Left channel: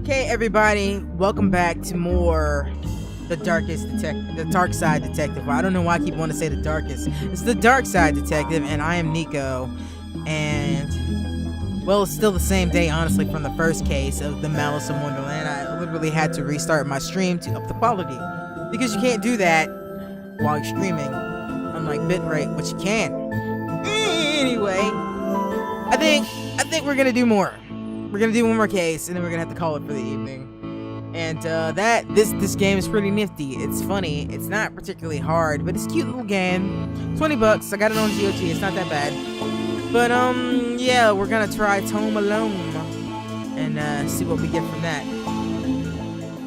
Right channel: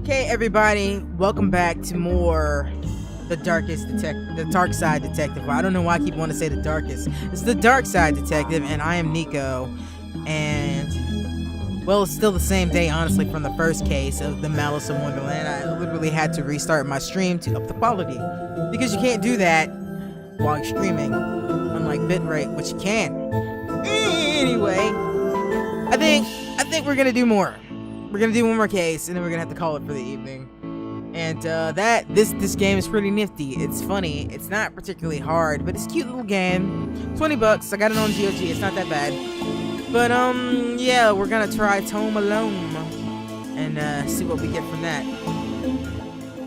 Okay, everybody, welcome back to more the Darkside Detective. I don't know why I keep wanting to say the darkest. It's the Darkside Detective, and I am Nico. And well, it's still the same day, honestly, from the first case of the Malice in Wonderland. I literally had to restart my stream to up the quality because you can't do that while you're streaming, unlike bitrate, which you can. Anyway, I think we're gonna do more. We're gonna do one more case, and then we're gonna have to call it for the evening. And this game is pretty nifty. It's funny. It's not particularly hard, but it's a cute little game. $20. I got it on GOG. It's not that bad. But yeah, we're gonna try Home Alone and see what we get from that.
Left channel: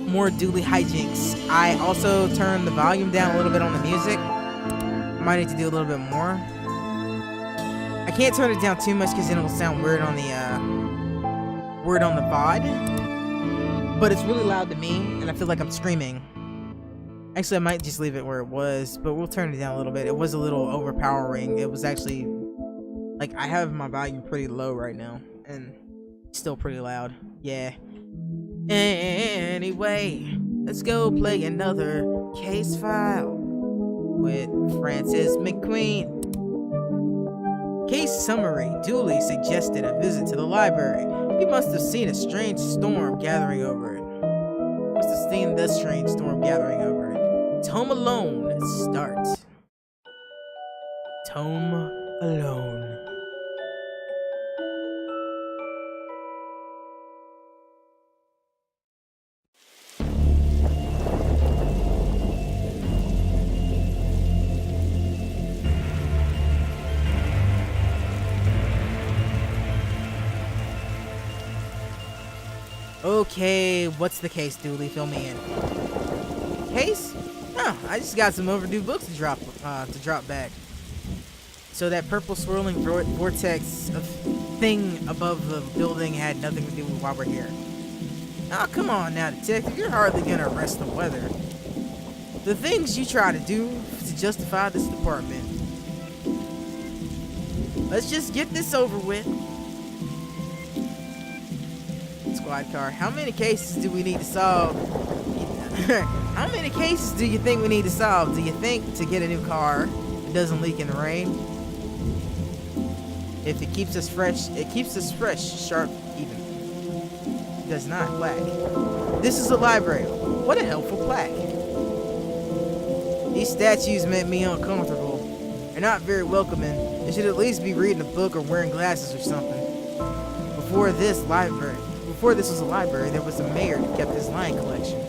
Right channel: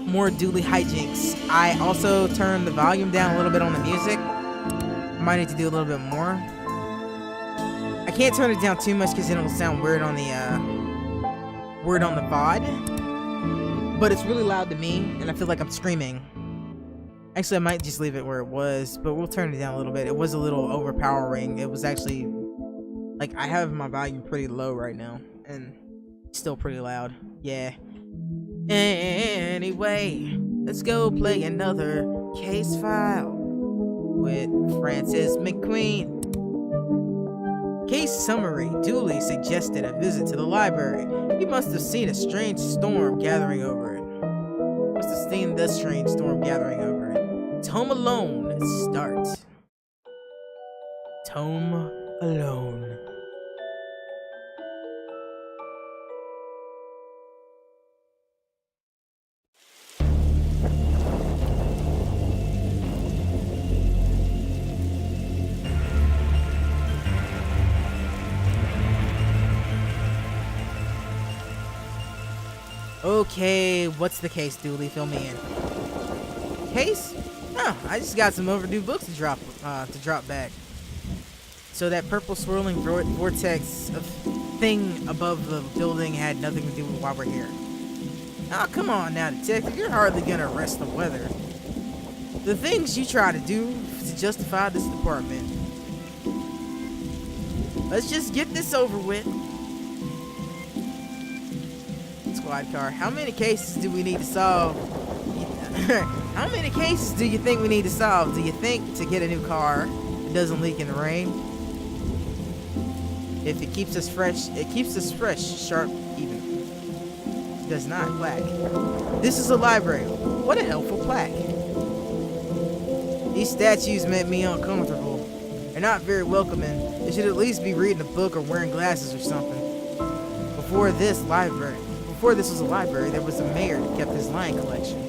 More Dooley hijinks. I also turned the volume down a little bit on the music. Might need to do a little bit more. I can't turn it down too much because then it'll sound weird on the VOD, but it's really loud to me, and I feel like I'm screaming. Actually, I might just leave it where it was, but we'll turn it down a little bit. It was a little overpowering. It was actually, like, I have my volume pretty low right now, and still pretty loud. Yeah. Anyway, let's go play another case file with Francis McQueen. Case summary. Dooley suggested a visit to the library. He must have seen a strange storm gathering over it. Home Alone. Start. Home Alone. Okay, what's the case, Dooley? Fill me in. Case? Oh, I just got some overdue books to drop back. So that purple swirling vortex of thing above the building had nothing to do with why we're here. Oh, come on now, detective. You're hardly gonna arrest the weather. The things you try to do to justify this department. Let's just get this over with. Squad car. How many cases do we need to solve? How many cases do you think we need to solve? Do you think to get a new car that doesn't leak in the rain? If it keeps us fresh, sharp, even. It does not. Plaque. This is a library. What a helpful plaque. These statues make me uncomfortable. They're not very welcoming. They should at least be reading a book or wearing glasses or something. Before this was a library, there was a mayor that kept his lion collection.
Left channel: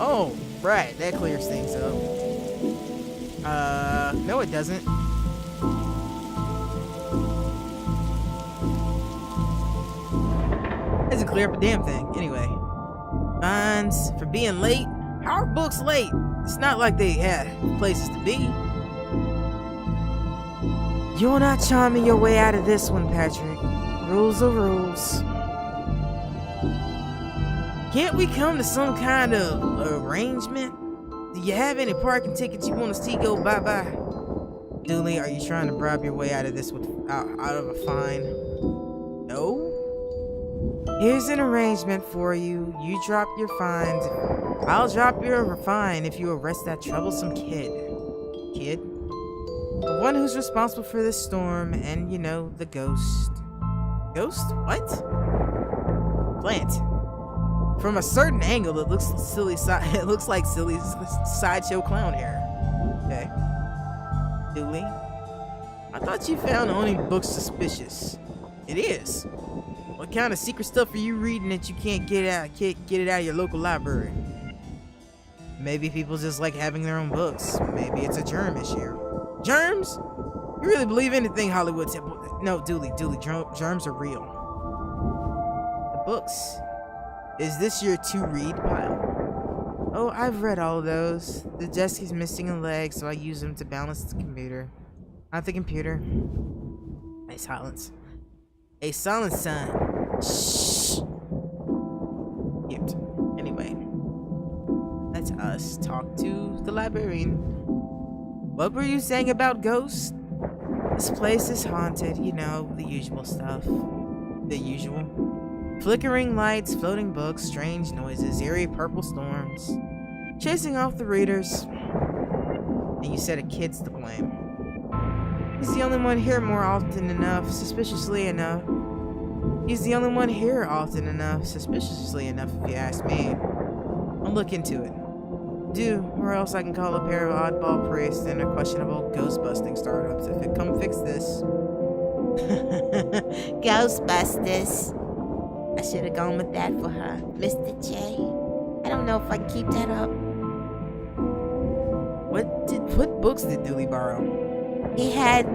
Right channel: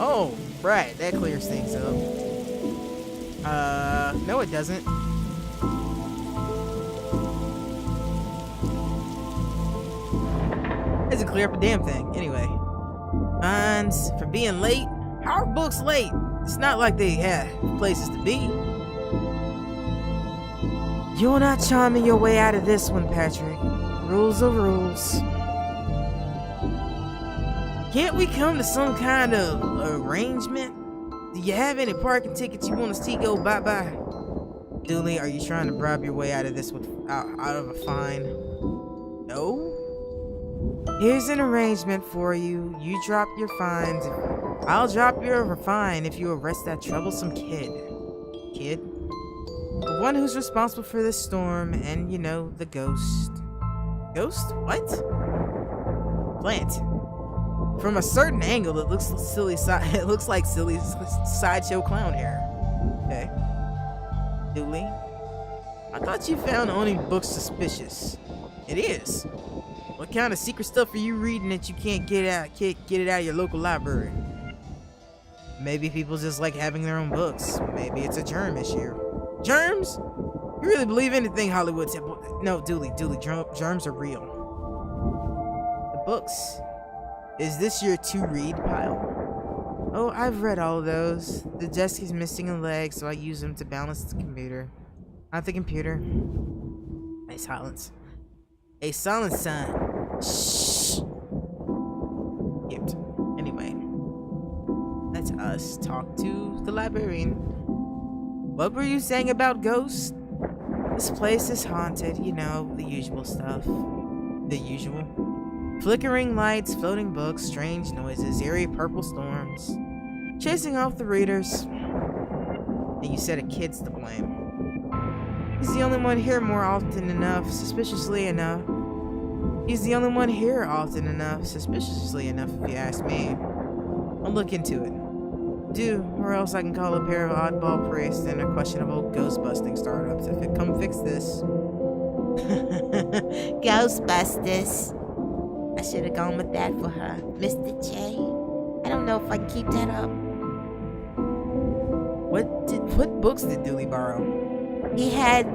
Oh, right, that clears things up. No it doesn't. Doesn't clear up a damn thing. Anyway. Fines for being late? How are books late? It's not like they have places to be. You're not charming your way out of this one, Patrick. Rules are rules. Can't we come to some kind of arrangement? Do you have any parking tickets you want to see go bye-bye? Dooley, are you trying to bribe your way out of this out of a fine? No? Here's an arrangement for you. You drop your fines. I'll drop your fine if you arrest that troublesome kid. Kid? The one who's responsible for this storm and, you know, the ghost. Ghost? What? Plant. From a certain angle, it looks like silly sideshow clown hair. Okay. Dooley, I thought you found owning books suspicious. It is. What kind of secret stuff are you reading that you can't get it out of your local library? Maybe people just like having their own books. Maybe it's a germ issue. Germs? You really believe anything Hollywood said? No, Dooley, germs are real. The books. Is this your to-read pile? Oh, I've read all of those. The desk is missing a leg, so I use them to balance the computer. Not the computer. A silence. A silent sign. Shh. Cute. Anyway. Let us talk to the librarian. What were you saying about ghosts? This place is haunted, you know, the usual stuff. The usual. Flickering lights, floating books, strange noises, eerie purple storms, chasing off the readers. And you said a kid's to blame. He's the only one here more often enough, suspiciously enough. He's the only one here often enough, suspiciously enough if you ask me. I'll look into it. Do, or else I can call a pair of oddball priests and a questionable ghost-busting startups if it come fix this. Ghostbusters. I should have gone with that for her, Mr. J. I don't know if I can keep that up. What books did Dooley borrow? He had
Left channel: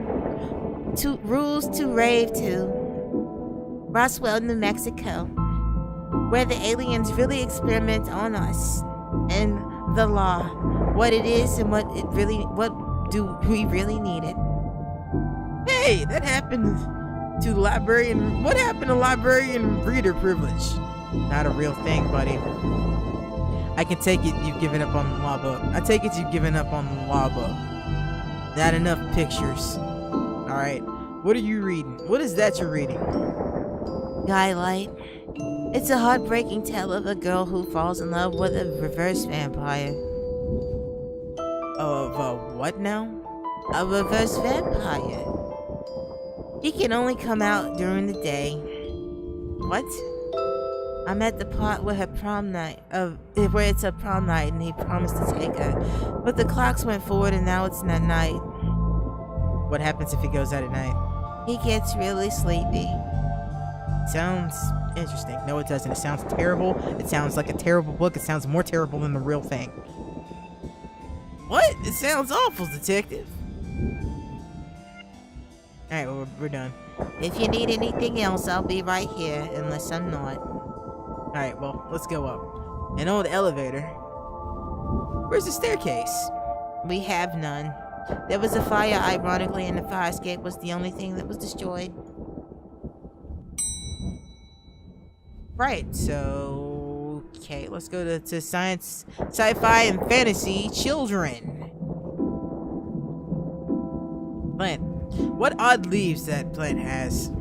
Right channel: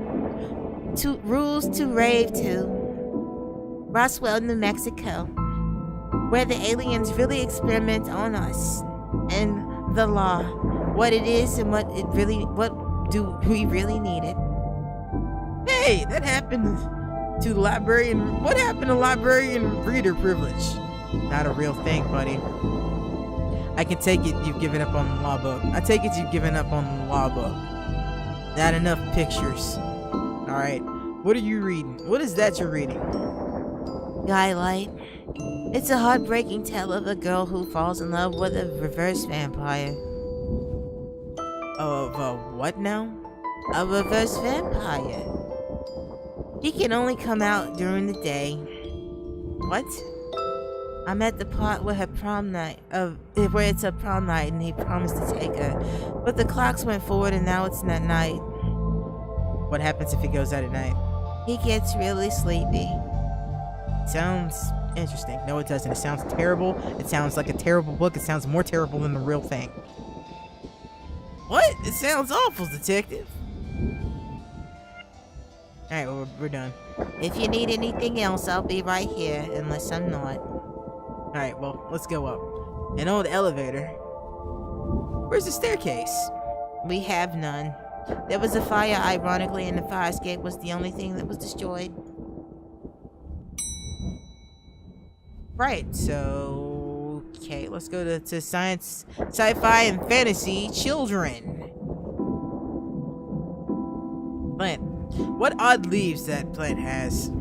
Rules to Rave to, Roswell, New Mexico, where the aliens really experiment on us, and the law, what it is and what do we really need it. Hey, that happened to the librarian. What happened to librarian reader privilege? Not a real thing, buddy. I can take it you've given up on the law book. I take it you've given up on the law book. Not enough pictures. Alright, what are you reading? What is that you're reading? Skylight. It's a heartbreaking tale of a girl who falls in love with a reverse vampire. Of what now? A reverse vampire. He can only come out during the day. What? I'm at the part where her prom night, where it's her prom night, and he promised to take her. But the clocks went forward and now it's not night. What happens if he goes out at night? He gets really sleepy. Sounds interesting. No, it doesn't. It sounds terrible. It sounds like a terrible book. It sounds more terrible than the real thing. What? It sounds awful, detective. Alright, well, we're done. If you need anything else, I'll be right here, unless I'm not. Alright, well, let's go up. An old elevator. Where's the staircase? We have none. There was a fire, ironically, and the fire escape was the only thing that was destroyed. Right, so... Okay, let's go to science, sci-fi, and fantasy children. Plant. What odd leaves that plant has?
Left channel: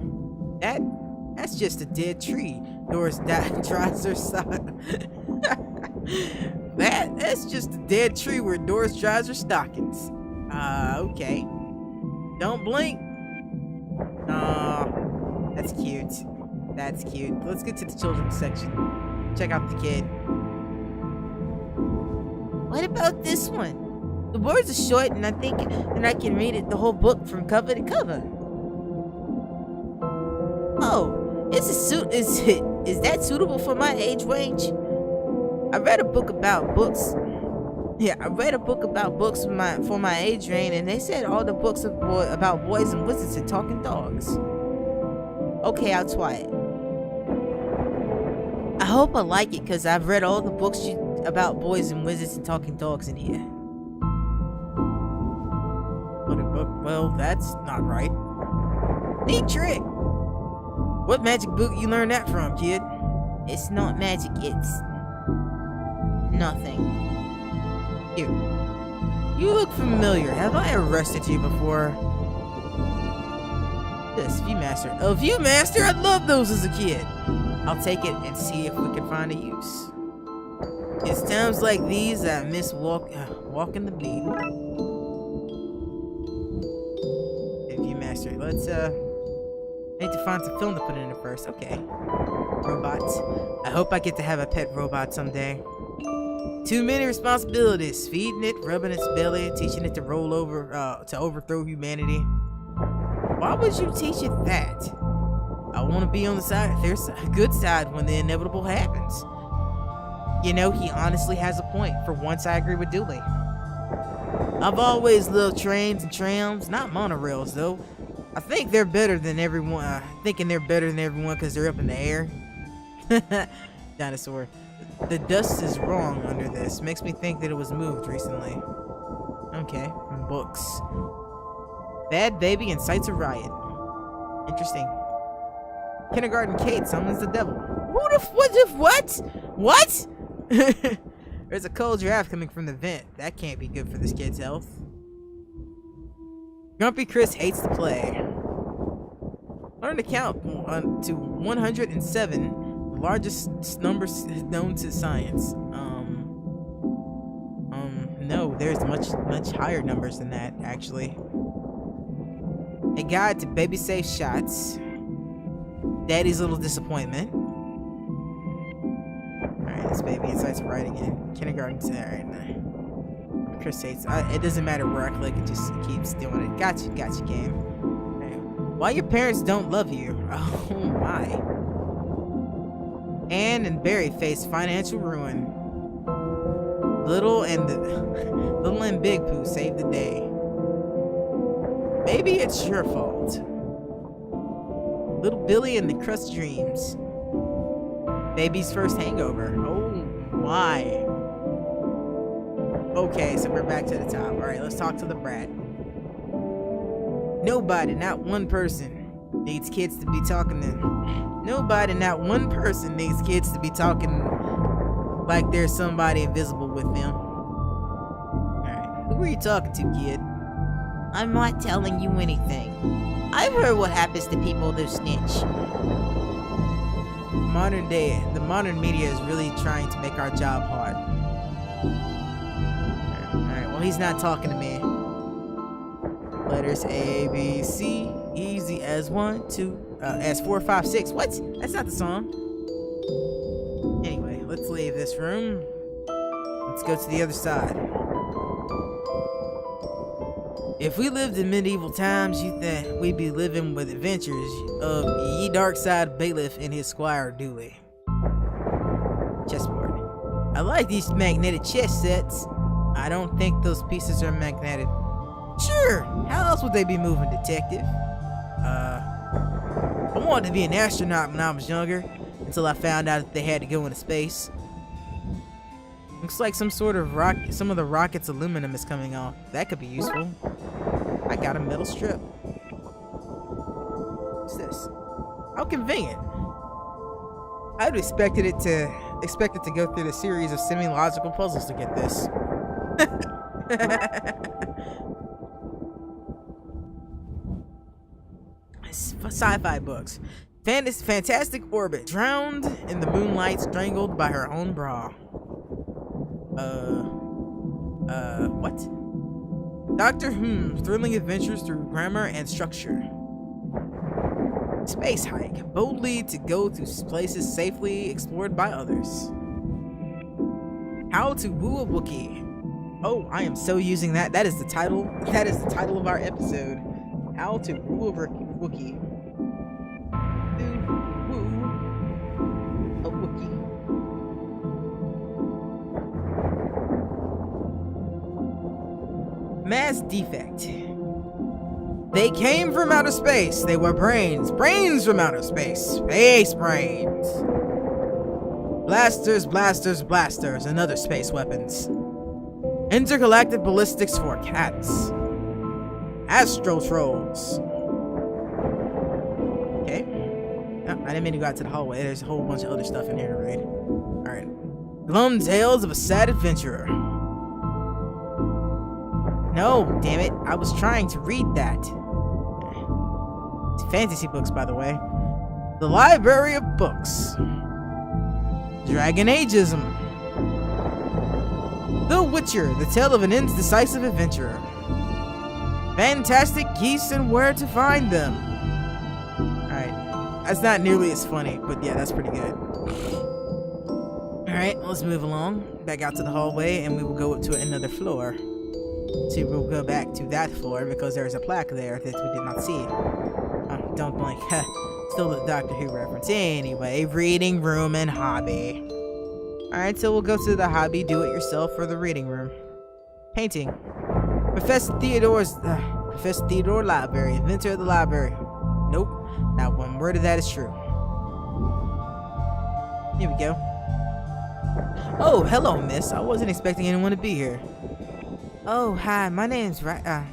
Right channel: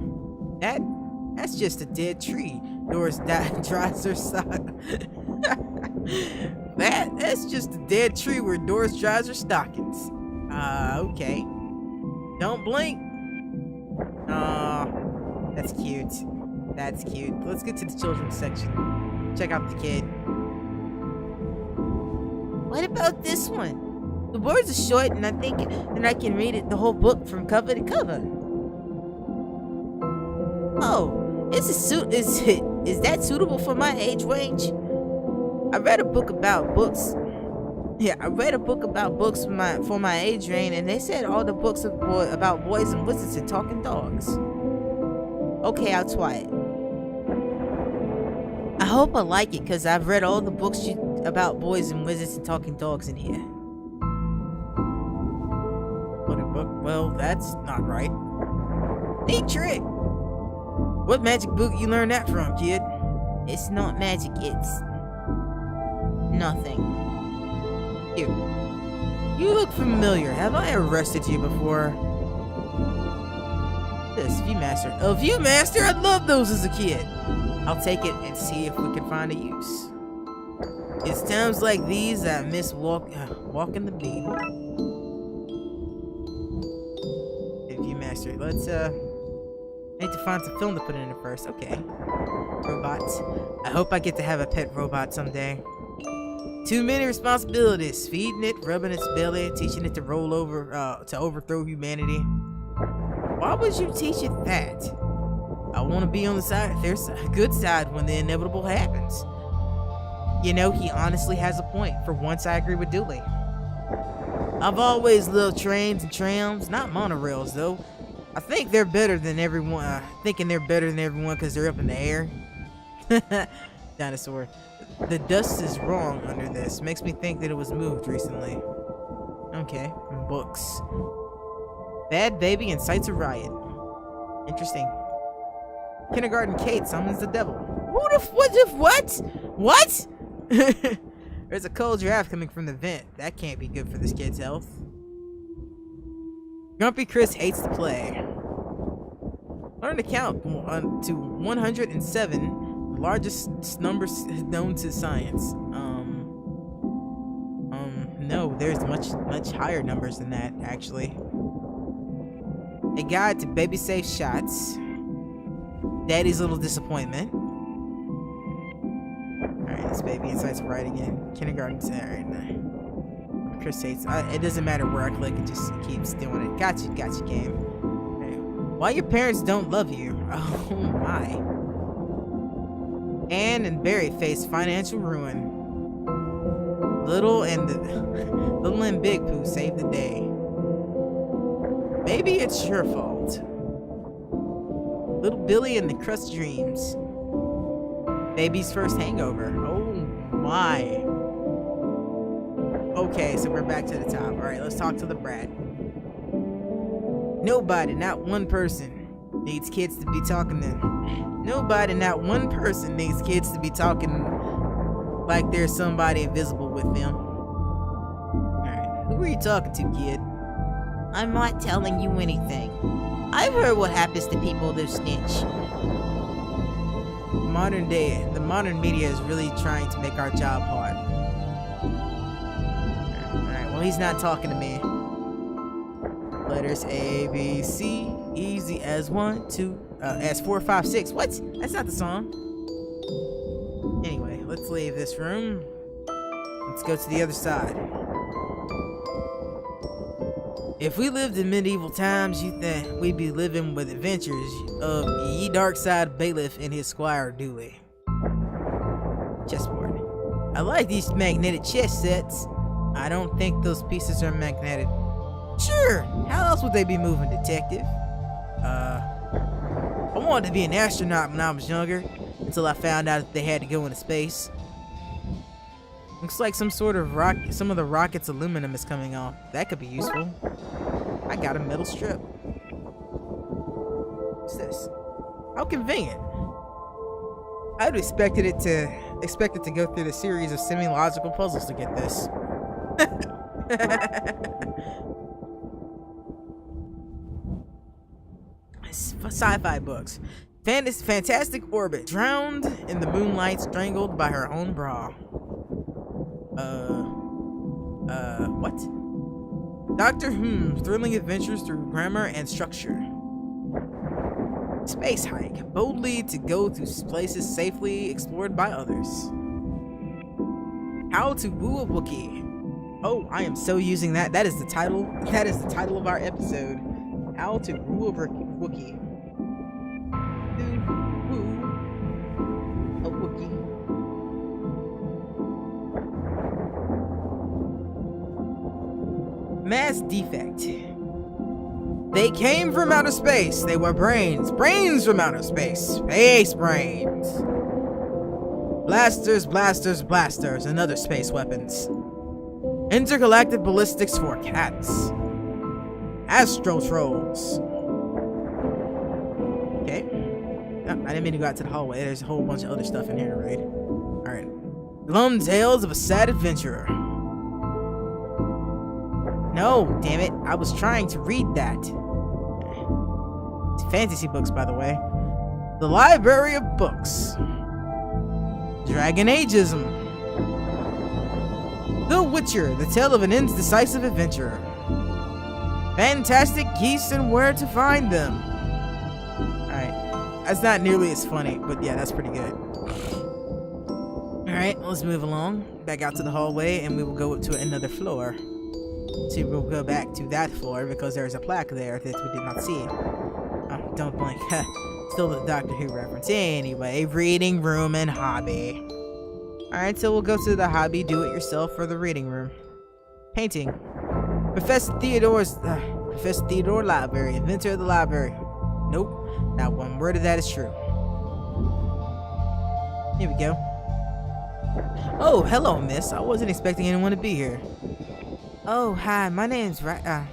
That's just a dead tree. Doors dries her stock. That's just a dead tree where Doris dries her stockings. Okay. Don't blink. Aw, that's cute. That's cute. Let's get to the children's section. Check out the kid. What about this one? The words are short, and I think that I can read it the whole book from cover to cover. Oh, is that suitable for my age range? I read a book about books. Yeah, I read a book about books for my age range, and they said all the books about boys and wizards and talking dogs. Okay, I'll try it. I hope I like it, because I've read all the books about boys and wizards and talking dogs in here. What a book? Well, that's not right. Neat trick! What magic book you learned that from, kid? It's not magic, it's nothing. You look familiar. Have I arrested you before? This Viewmaster. Oh, Viewmaster! I loved those as a kid. I'll take it and see if we can find a use. It's times like these that I miss walking the beat. Hey, Viewmaster, let's I need to find some film to put in it first. Okay. Robots. I hope I get to have a pet robot someday. Too many responsibilities. Feeding it, rubbing its belly, teaching it to roll over, to overthrow humanity. Why would you teach it that? I want to be on their good side when the inevitable happens. You know, he honestly has a point. For once, I agree with Dooley. I've always loved trains and trams, not monorails though. I think they're better than everyone. Thinking they're better than everyone because they're up in the air. Dinosaur. The dust is wrong under this. Makes me think that it was moved recently. Okay, books. Bad Baby incites a riot. Interesting. Kindergarten Kate summons the devil. What? What? There's a cold draft coming from the vent. That can't be good for this kid's health. Grumpy Chris hates to play. Learn to count to 107 largest numbers known to science. No, there's much higher numbers than that, actually. A guide to baby safe shots. Daddy's little disappointment. Alright, this baby insights writing in kindergarten. Alright, Chris hates it doesn't matter where I click, it just keeps doing it. Gotcha, game. Hey, why your parents don't love you? Oh my. Anne and Barry face financial ruin. Little and Big Pooh saved the day. Maybe it's your fault. Little Billy and the Crust Dreams. Baby's first hangover. Oh my. Okay, so we're back to the top. Alright, let's talk to the brat. Nobody, not one person, needs kids to be talking to. Nobody, not one person needs kids to be talking like there's somebody invisible with them. Alright, who are you talking to, kid? I'm not telling you anything. I've heard what happens to people who snitch. The modern media is really trying to make our job hard. Alright, well, he's not talking to me. Letters A, B, C, easy as 1, 2, as 4, 5, 6. What? That's not the song. Anyway, let's leave this room. Let's go to the other side. If we lived in medieval times, you think we'd be living with adventures of ye Darkside bailiff and his squire Dooley. Chessboard. I like these magnetic chess sets. I don't think those pieces are magnetic. Sure, how else would they be moving, detective? I wanted to be an astronaut when I was younger, until I found out that they had to go into space. Looks like some sort of rocket, some of the rocket's aluminum is coming off. That could be useful. I got a metal strip. What's this? How convenient. I'd expected it to go through the series of semi-logical puzzles to get this. Sci-fi books. Fantastic orbit. Drowned in the moonlight, strangled by her own bra. What? Doctor Who's thrilling adventures through grammar and structure. Space hike. Boldly to go to places safely explored by others. How to Woo A Wookie. Oh, I am so using that. That is the title. That is the title of our episode. How to Woo A Wookie. To Woo A Wookie. Mass defect. They came from outer space. They were brains. Brains from outer space. Space brains. Blasters, blasters, blasters, and other space weapons. Intergalactic ballistics for cats. Astro trolls. Okay. No, I didn't mean to go out to the hallway. There's a whole bunch of other stuff in here to read. Alright. Glum tales of a sad adventurer. No, damn it. I was trying to read that. It's fantasy books, by the way. The Library of Books. Dragon Ageism. The Witcher, the tale of an indecisive adventurer. Fantastic geese and where to find them. Alright. That's not nearly as funny, but yeah, that's pretty good. Alright, let's move along. Back out to the hallway, and we will go up to another floor. So we'll go back to that floor because there's a plaque there that we did not see. Oh, don't blink. Still the Doctor Who reference. Anyway, reading room and hobby. Alright, so we'll go to the hobby do-it-yourself for the reading room. Painting. Professor Theodore Library, inventor of the library. Nope, not one word of that is true. Here we go. Oh, hello, miss. I wasn't expecting anyone to be here. Oh, hi. My name's Roxa.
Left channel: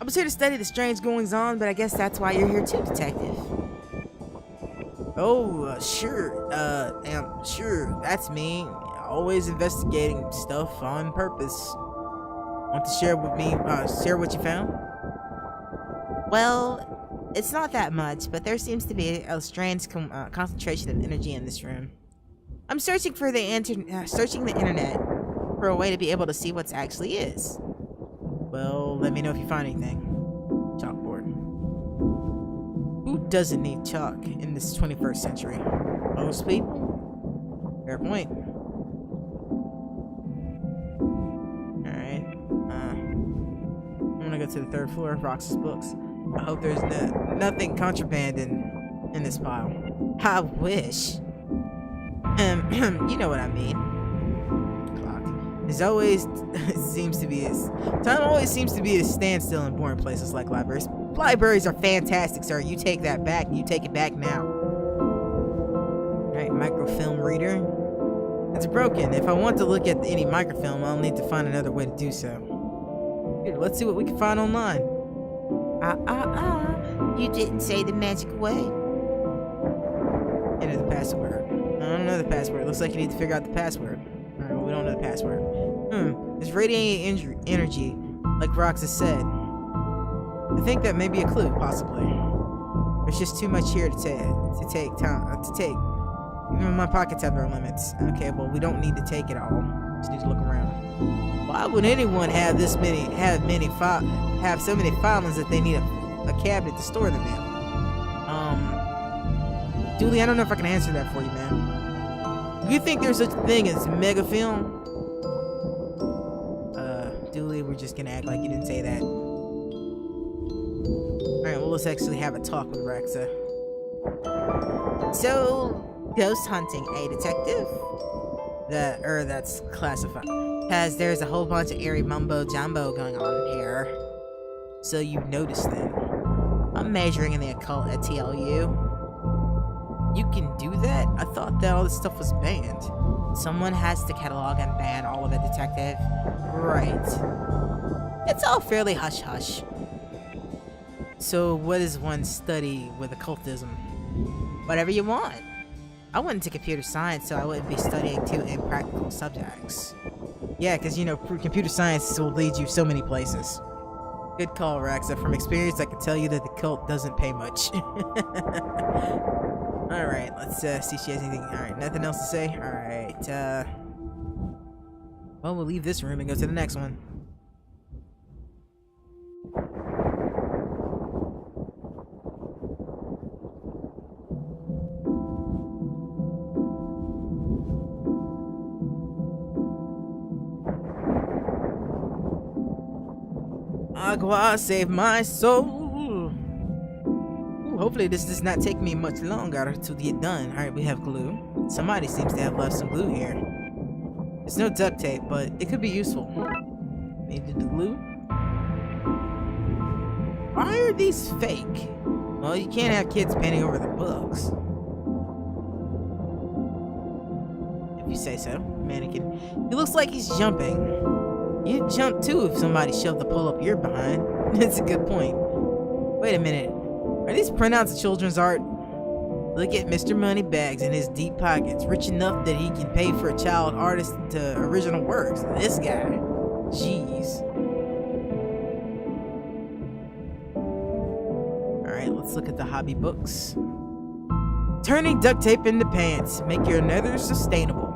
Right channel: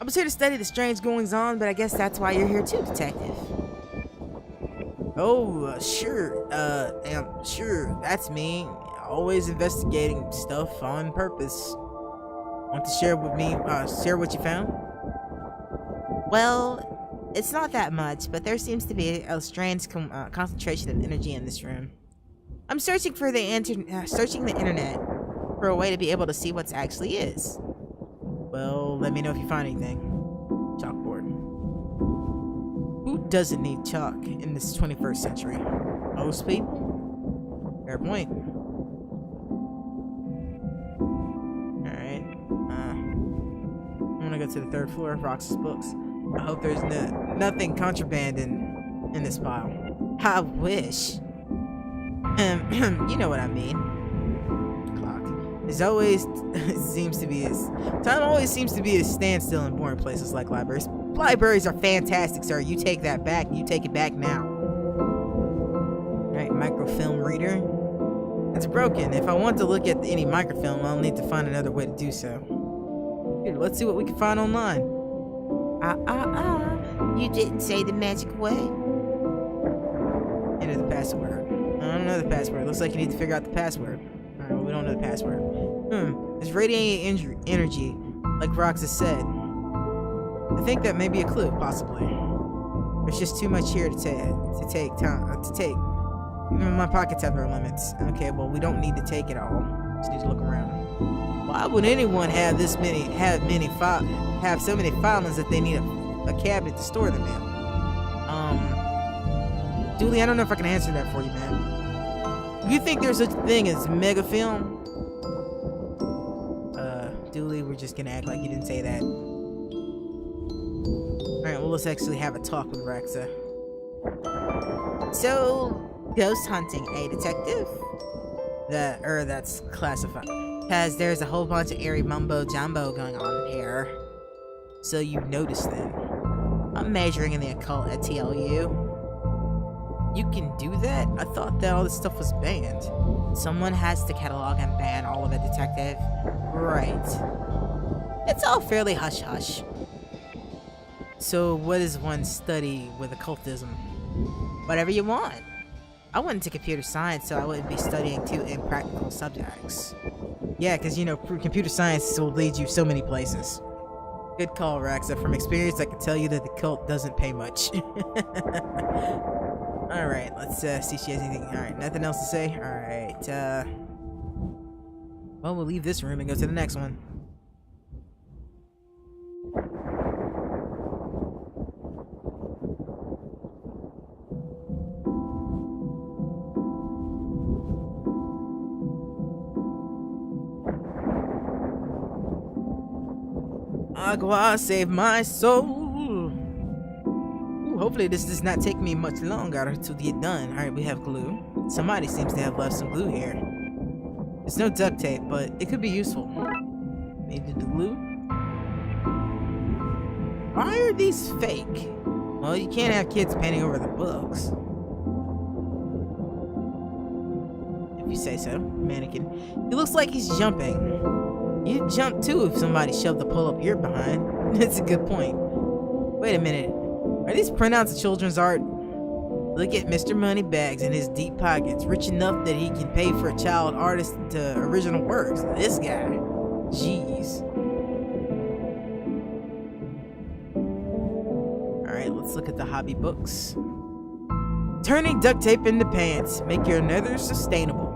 I was here to study the strange goings-on, but I guess that's why you're here too, detective. Oh, sure. Sure. That's me. Always investigating stuff on purpose. Want to share with me? Share what you found? Well, It's not that much, but there seems to be a strange concentration of energy in this room. I'm searching for searching the internet for a way to be able to see what actually is. Well, let me know if you find anything. Chalkboard. Who doesn't need chalk in this 21st century? Most people? Fair point. Alright. I'm gonna go to the 3rd floor of Rox's books. I hope there's nothing contraband in this pile. I wish. You know what I mean. Clock. There's always seems to be time always seems to be at a standstill in boring places like libraries. Libraries are fantastic, sir. You take that back, and you take it back now. Alright, microfilm reader. It's broken. If I want to look at any microfilm, I'll need to find another way to do so. Here, let's see what we can find online. You didn't say the magic way. Enter the password. I don't know the password. Looks like you need to figure out the password. Alright, well, we don't know the password. It's radiating energy, like Rox has said. I think that may be a clue, possibly. There's just too much here to take. Even my pockets have their limits. Okay, well, we don't need to take it all. Just need to look around. Why would anyone have so many filings that they need a cabinet to store them in? Dooley, I don't know if I can answer that for you, man. Do you think there's such a thing as megafilm? Dooley, we're just gonna act like you didn't say that. Alright, well, let's actually have a talk with Rexa. So, ghost hunting, a detective? That's classified. Because there's a whole bunch of airy mumbo jumbo going on here. So you noticed then. I'm majoring in the occult at TLU. You can do that? I thought that all this stuff was banned. Someone has to catalog and ban all of it, detective. Right. It's all fairly hush-hush. So what does one study with occultism? Whatever you want. I went into computer science, so I wouldn't be studying too impractical subjects. Yeah, because, you know, computer science will lead you so many places. Good call, Raxa. From experience, I can tell you that the cult doesn't pay much. Alright, let's see if she has anything. Alright, nothing else to say? Alright, well, we'll leave this room and go to the next one. Agua, save my soul. Ooh, hopefully this does not take me much longer to get done. Alright, we have glue. Somebody seems to have left some glue here. There's no duct tape, but it could be useful. Need to do glue. Why are these fake? Well, you can't have kids painting over the books. If you say so. Mannequin. He looks like he's jumping. You'd jump too if somebody shoved the pole up your behind. That's a good point. Wait a minute. Are these printouts of children's art? Look at Mr. Moneybags in his deep pockets, rich enough that he can pay for a child artist to original works. This guy. Jeez. Alright, let's look at the hobby books. Turning duct tape into pants. Make your nether sustainable.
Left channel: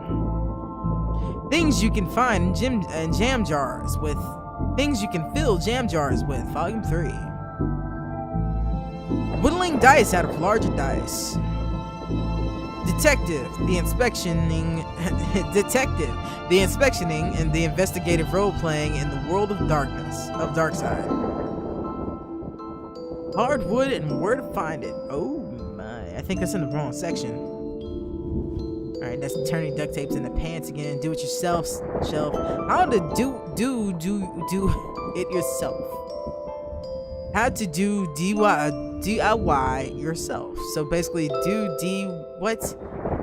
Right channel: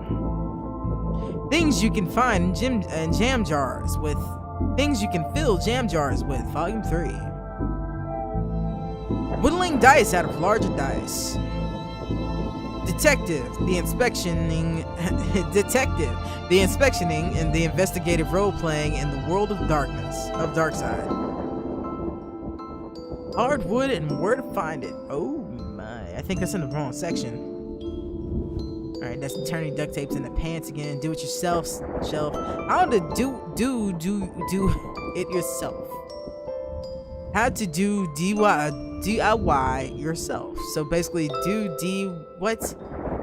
Things you can find in jam jars with. Things you can fill jam jars with. Volume 3. Whittling dice out of larger dice. Detective, the inspectioning and the investigative role-playing in the world of darkness, of Darkside. Hardwood and where to find it. Oh my, I think that's in the wrong section. Alright, that's turning duct tapes into pants again. Do it yourself, shelf. How to do it yourself. How to do DIY yourself. So basically what?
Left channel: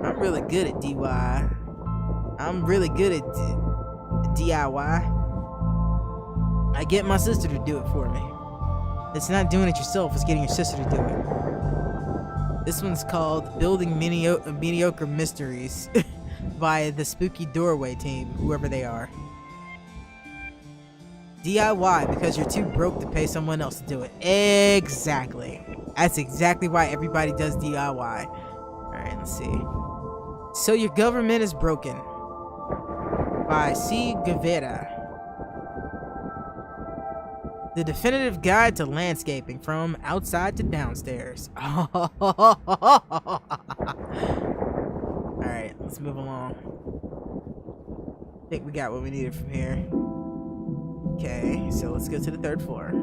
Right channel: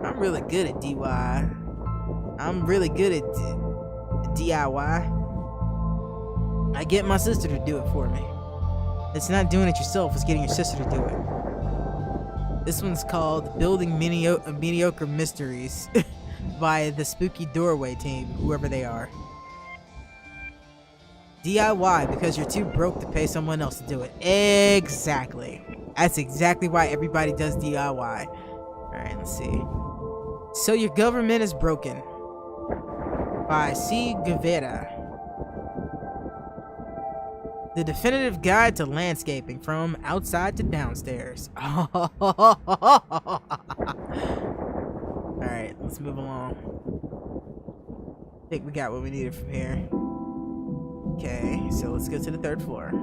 I'm really good at DIY. I'm really good at DIY. I get my sister to do it for me. It's not doing it yourself, it's getting your sister to do it. This one's called Building Mediocre Mysteries by the Spooky Doorway team, whoever they are. DIY because you're too broke to pay someone else to do it. Exactly. That's exactly why everybody does DIY. Alright, let's see. So Your Government is Broken by C. Guevara. The definitive guide to landscaping from outside to downstairs. Alright, let's move along. I think we got what we needed from here. Okay, so let's go to the 3rd floor.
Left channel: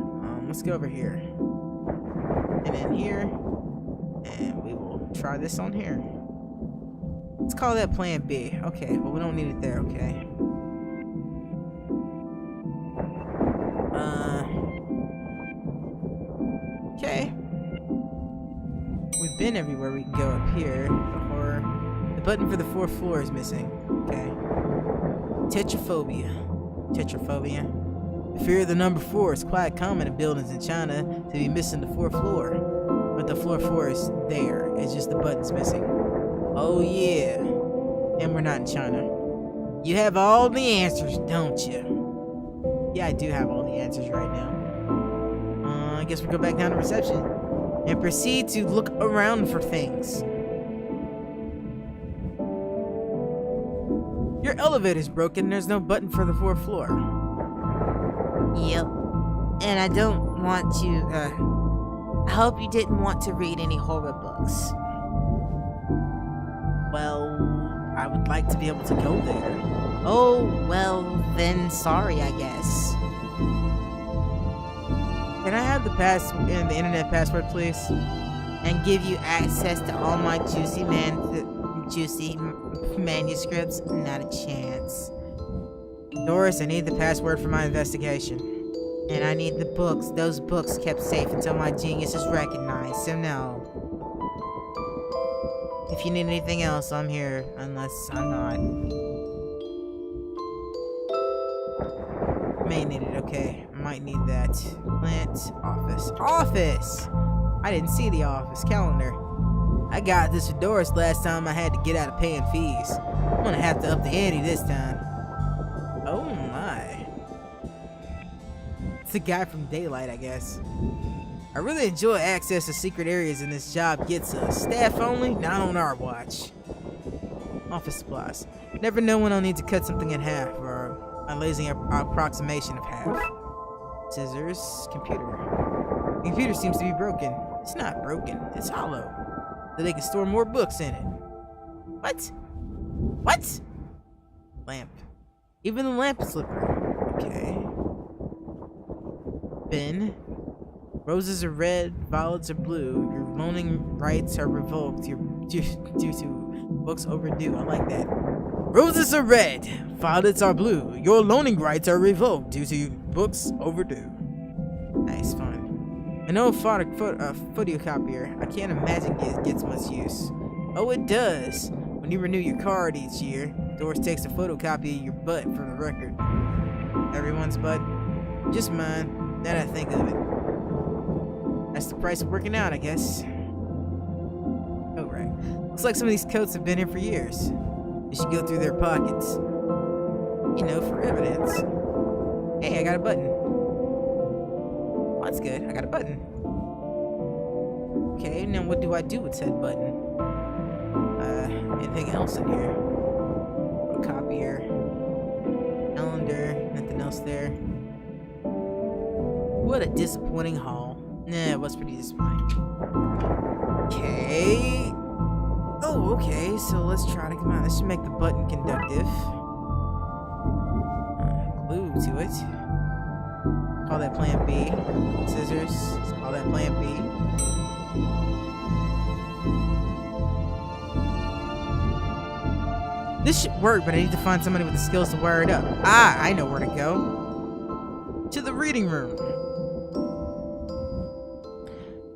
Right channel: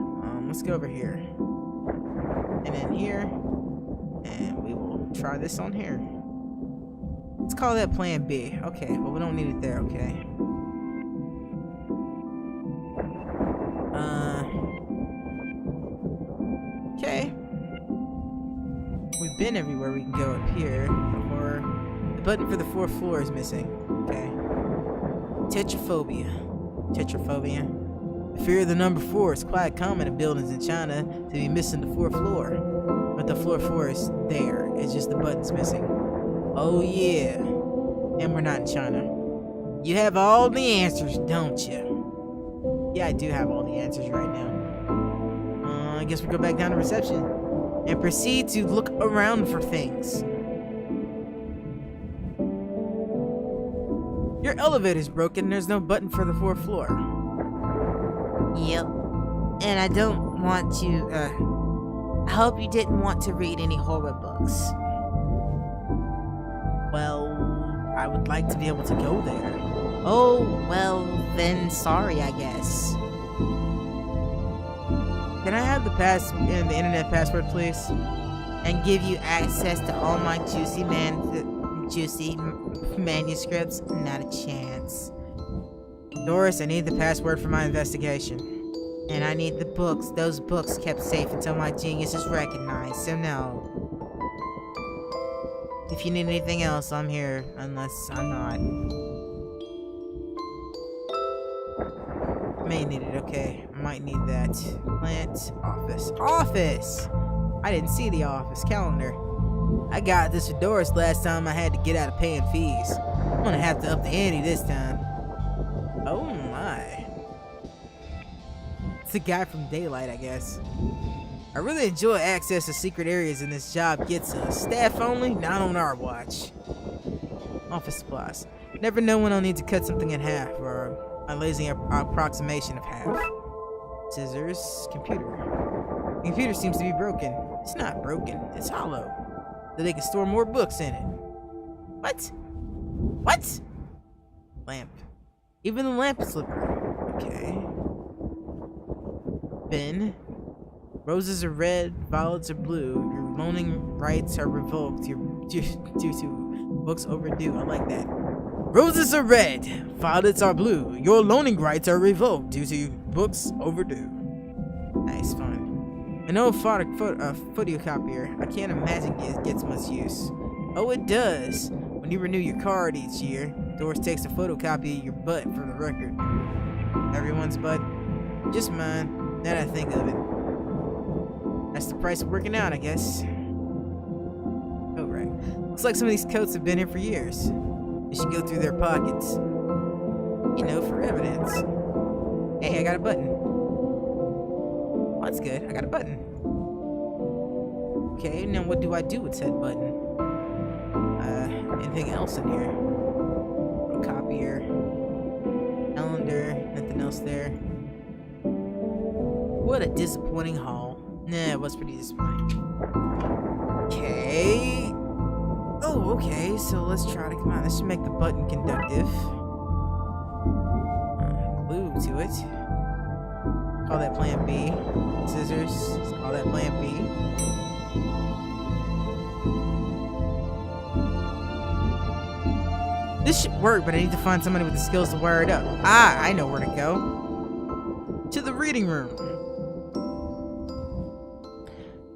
Let's go over here. And then here. And we will try this on here. Let's call that plan B. Okay, well we don't need it there, okay. Okay. We've been everywhere we can go up here. The horror. The button for the 4th floor is missing. Okay. Tetraphobia. Tetraphobia. The fear of the number 4 is quite common in buildings in China to be missing the 4th floor. But the 4th floor is there. It's just the button's missing. Oh yeah. And we're not in China. You have all the answers, don't you? Yeah, I do have all the answers right now. I guess we go back down to reception and proceed to look around for things. Your elevator's broken. There's no button for the 4th floor. Yep. And I don't want to, I hope you didn't want to read any horror books. Well, I would like to be able to go there. Oh, well, then sorry, I guess. Can I have the internet password, please? And give you access to all my juicy manuscripts? Not a chance. Doris, I need the password for my investigation. And I need the books. Those books kept safe until my genius is recognized, so no. If you need anything else, I'm here, unless I'm not. May need it, okay. I might need that. Plant, office. Office! I didn't see the office calendar. I got this for Doris last time I had to get out of paying fees. I'm gonna have to up the ante this time. Oh my. It's the guy from Daylight, I guess. I really enjoy access to secret areas and this job gets us. Staff only, not on our watch. Office supplies. Never know when I'll need to cut something in half, or a lazy approximation of half. Scissors, computer. The computer seems to be broken. It's not broken, it's hollow. So they can store more books in it. What? What? Lamp. Even the lamp is slippery. Okay. Bin. Roses are red, violets are blue. Your loaning rights are revoked. Due to books overdue. I like that. Roses are red, violets are blue. Your loaning rights are revoked due to books overdue. Nice, fun. An old photocopier. I can't imagine it gets much use. Oh, it does. When you renew your card each year, Doris takes a photocopy of your butt for the record. Everyone's butt? Just mine, now that I think of it. That's the price of working out, I guess. Oh, right. Looks like some of these coats have been here for years. You should go through their pockets. You know, for evidence. Hey, I got a button. Well, that's good. I got a button. Okay, now what do I do with said button? Anything else in here? Copier. Calendar. Nothing else there. What a disappointing haul. Nah, it was pretty disappointing. Okay. Oh, okay, so let's try to come on. This should make the button conductive. Glue to it. Call that plan B. Scissors. Let's call that plan B. This should work, but I need to find somebody with the skills to wire it up. Ah, I know where to go. To the reading room.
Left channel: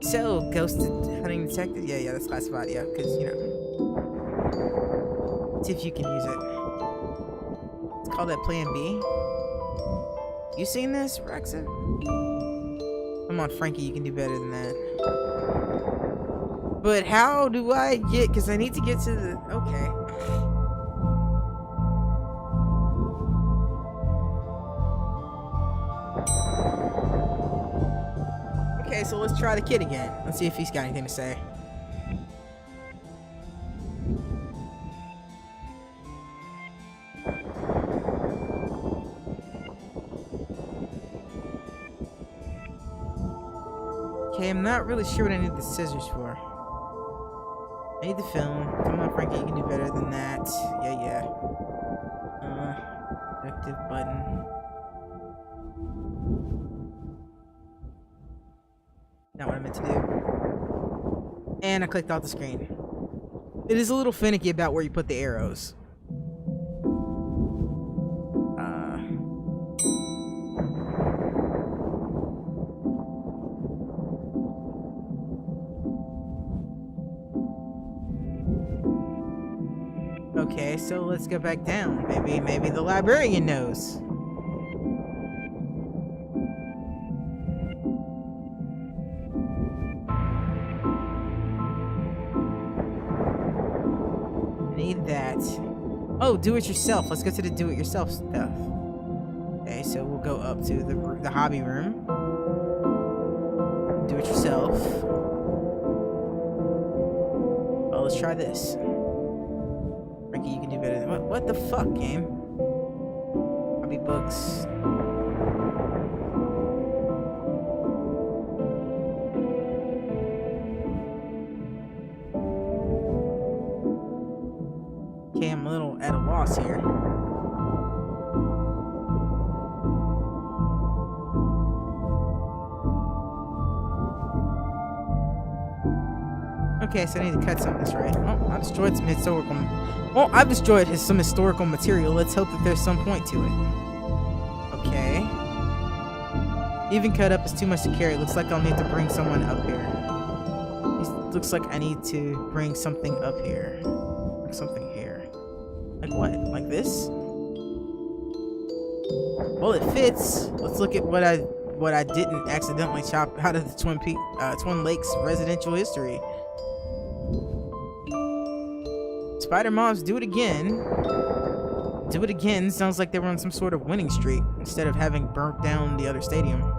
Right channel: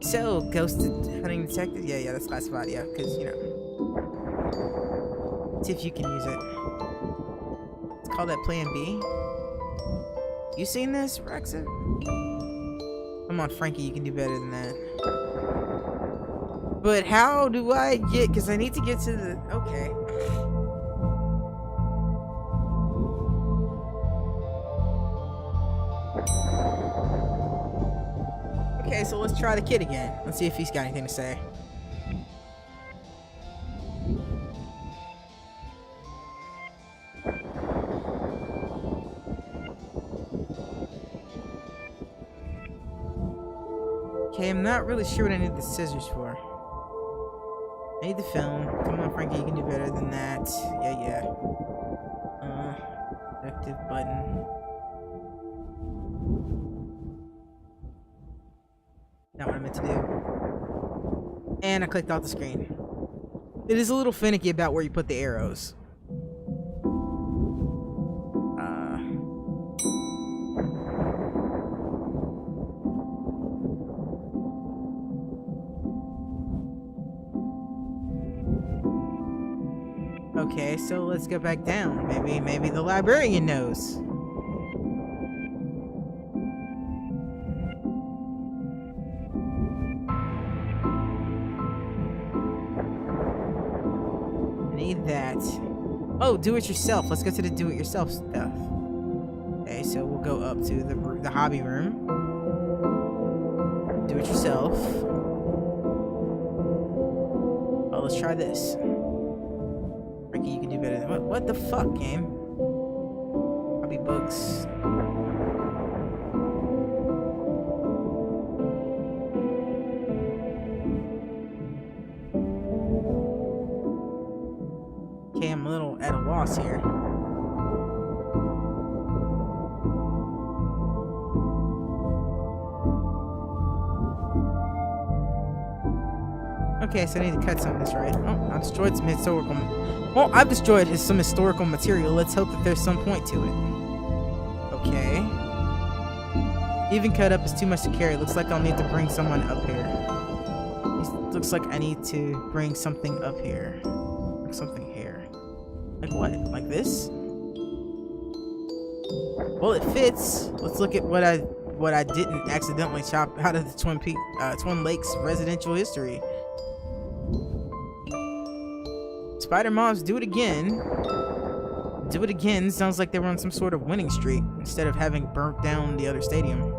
So, ghost hunting detective? Yeah, that's classified, yeah, because, you know. See if you can use it. Let's call that plan B. You seen this, Rexa? Come on, Frankie, you can do better than that. But how do I get, because I need to get to the, okay. Okay, so let's try the kid again. Let's see if he's got anything to say. Okay, I'm not really sure what I need the scissors for. I need the film. Come on, Frankie, you can do better than that. Yeah. Detective button. Not what I meant to do. And I clicked off the screen. It is a little finicky about where you put the arrows. Okay, so let's go back down. Maybe the librarian knows. I need that. Oh, do it yourself. Let's go to the do it yourself stuff. Okay, so we'll go up to the hobby room. Do it yourself. Oh, let's try this. Frankie, you can do better than what the fuck, game? Hobby books. Okay, I'm a little at a loss here. Okay, so I need to cut some of this, right? Oh, I destroyed some historical... Well, I've destroyed some historical material. Let's hope that there's some point to it. Okay. Even cut up is too much to carry. Looks like I'll need to bring someone up here. It looks like I need to bring something up here. Something here. Like what? Like this? Well, it fits. Let's look at what I didn't accidentally chop out of the Twin Lakes residential history. Spider Mobs, do it again. Do it again. Sounds like they were on some sort of winning streak instead of having burnt down the other stadium.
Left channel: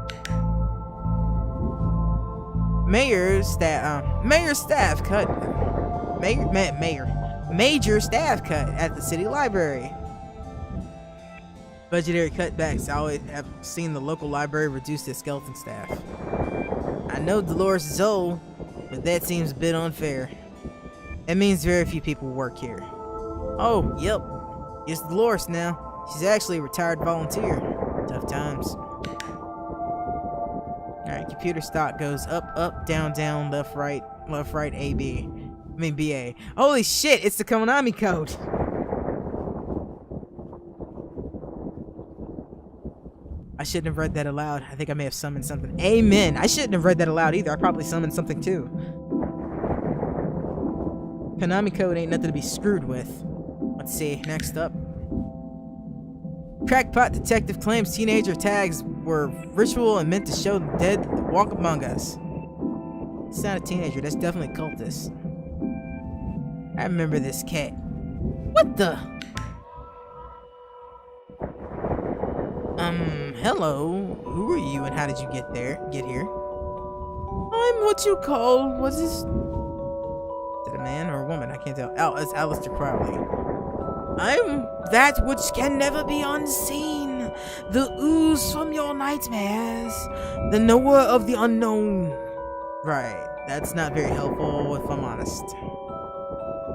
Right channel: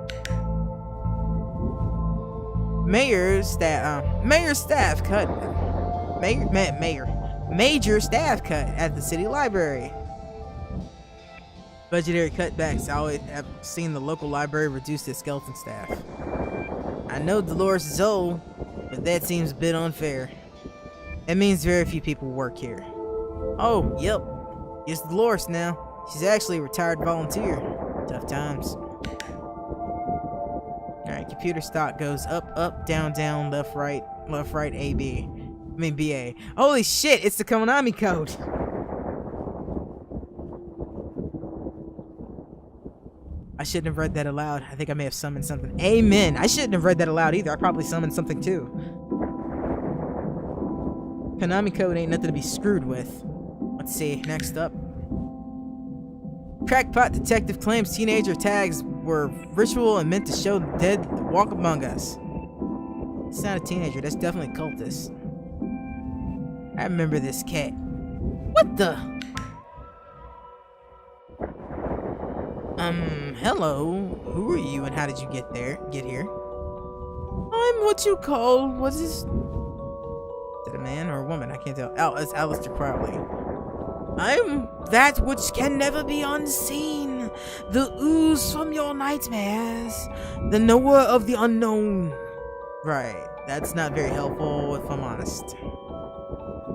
Major staff cut at the city library. Budgetary cutbacks. I always have seen the local library reduce their skeleton staff. I know Dolores is old, but that seems a bit unfair. That means very few people work here. Oh, yep. It's Dolores now. She's actually a retired volunteer. Tough times. Alright, computer stock goes up, up, down, down, left, right, A, B. I mean, B, A. Holy shit, it's the Konami code! I shouldn't have read that aloud. I think I may have summoned something. Amen! I shouldn't have read that aloud either. I probably summoned something too. Konami code ain't nothing to be screwed with. Let's see, next up. Crackpot detective claims teenager tags were ritual and meant to show the dead that walk among us. It's not a teenager, that's definitely a cultist. I remember this cat. What the? Hello. Who are you and how did you get here? I'm what you call, what is... Is it a man or a woman? I can't tell. Oh, it's Aleister Crowley. I'm that which can never be unseen. The ooze from your nightmares. The knower of the unknown. Right. That's not very helpful if I'm honest.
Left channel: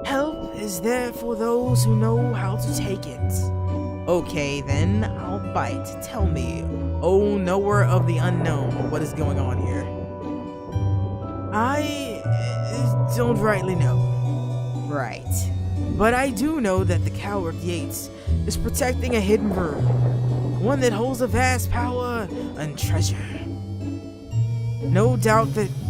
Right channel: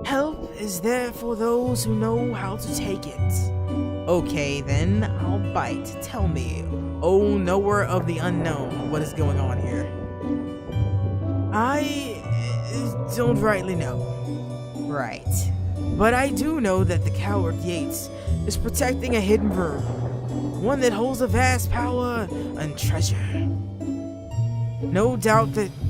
Help is there for those who know how to take it. Okay, then I'll bite. Tell me, oh knower of the unknown, what is going on here? I don't rightly know. Right. But I do know that the coward Yates is protecting a hidden room. One that holds a vast power and treasure. No doubt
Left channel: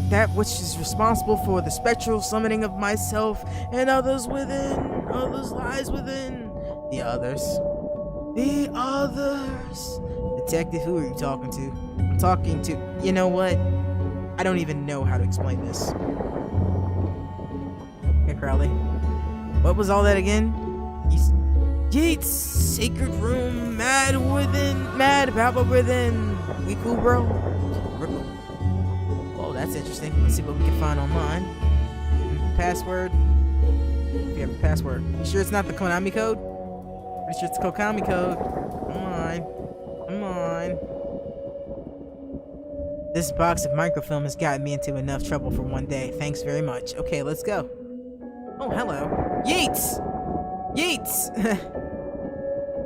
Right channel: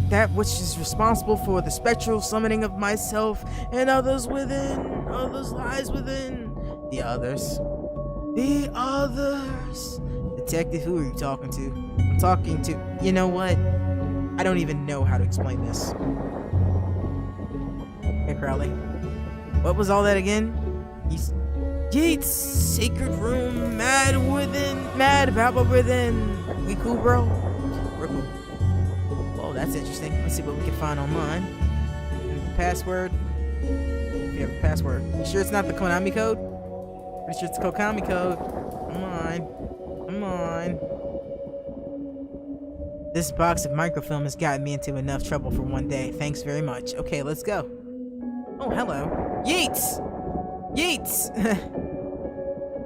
that which is responsible for the spectral summoning of myself and others lies within. The others. Detective, who are you talking to? I'm talking to... You know what? I don't even know how to explain this. Hey, Crowley. What was all that again? Yates, sacred room, mad about within. We cool, bro? We're cool. Oh, that's interesting. Let's see what we can find online. Password. If you have a password. You sure it's not the Konami code? Pretty sure it's the Konami code. Come on. Come on. This box of microfilm has gotten me into enough trouble for one day. Thanks very much. Okay, let's go. Oh, hello. Yeets! Yeets!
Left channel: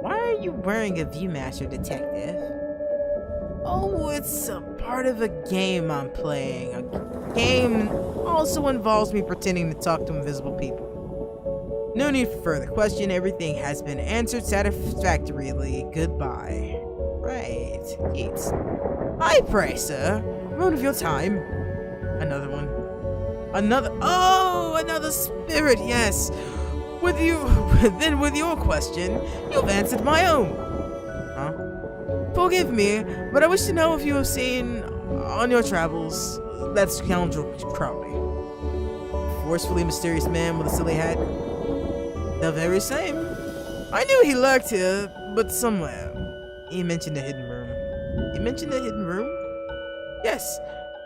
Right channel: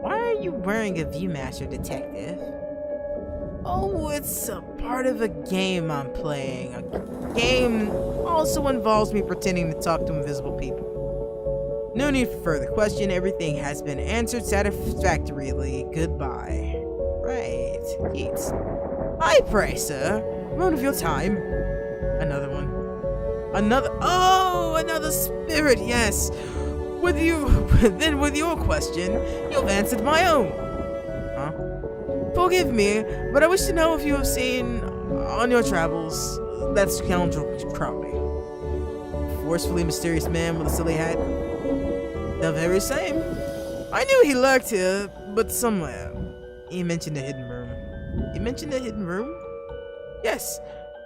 Why are you wearing a Viewmaster, Detective? Oh, it's a part of a game I'm playing. A game also involves me pretending to talk to invisible people. No need for further question. Everything has been answered satisfactorily. Goodbye. Right. Yeats. I pray, sir. Moment of your time. Another one. Another spirit, yes. With your question, you've answered my own. Huh? Forgive me, but I wish to know if you have seen on your travels that scoundrel Crowley. Forcefully mysterious man with a silly hat. The very same. I knew he lurked here, but somewhere. He mentioned a hidden room. He mentioned a hidden room? Yes,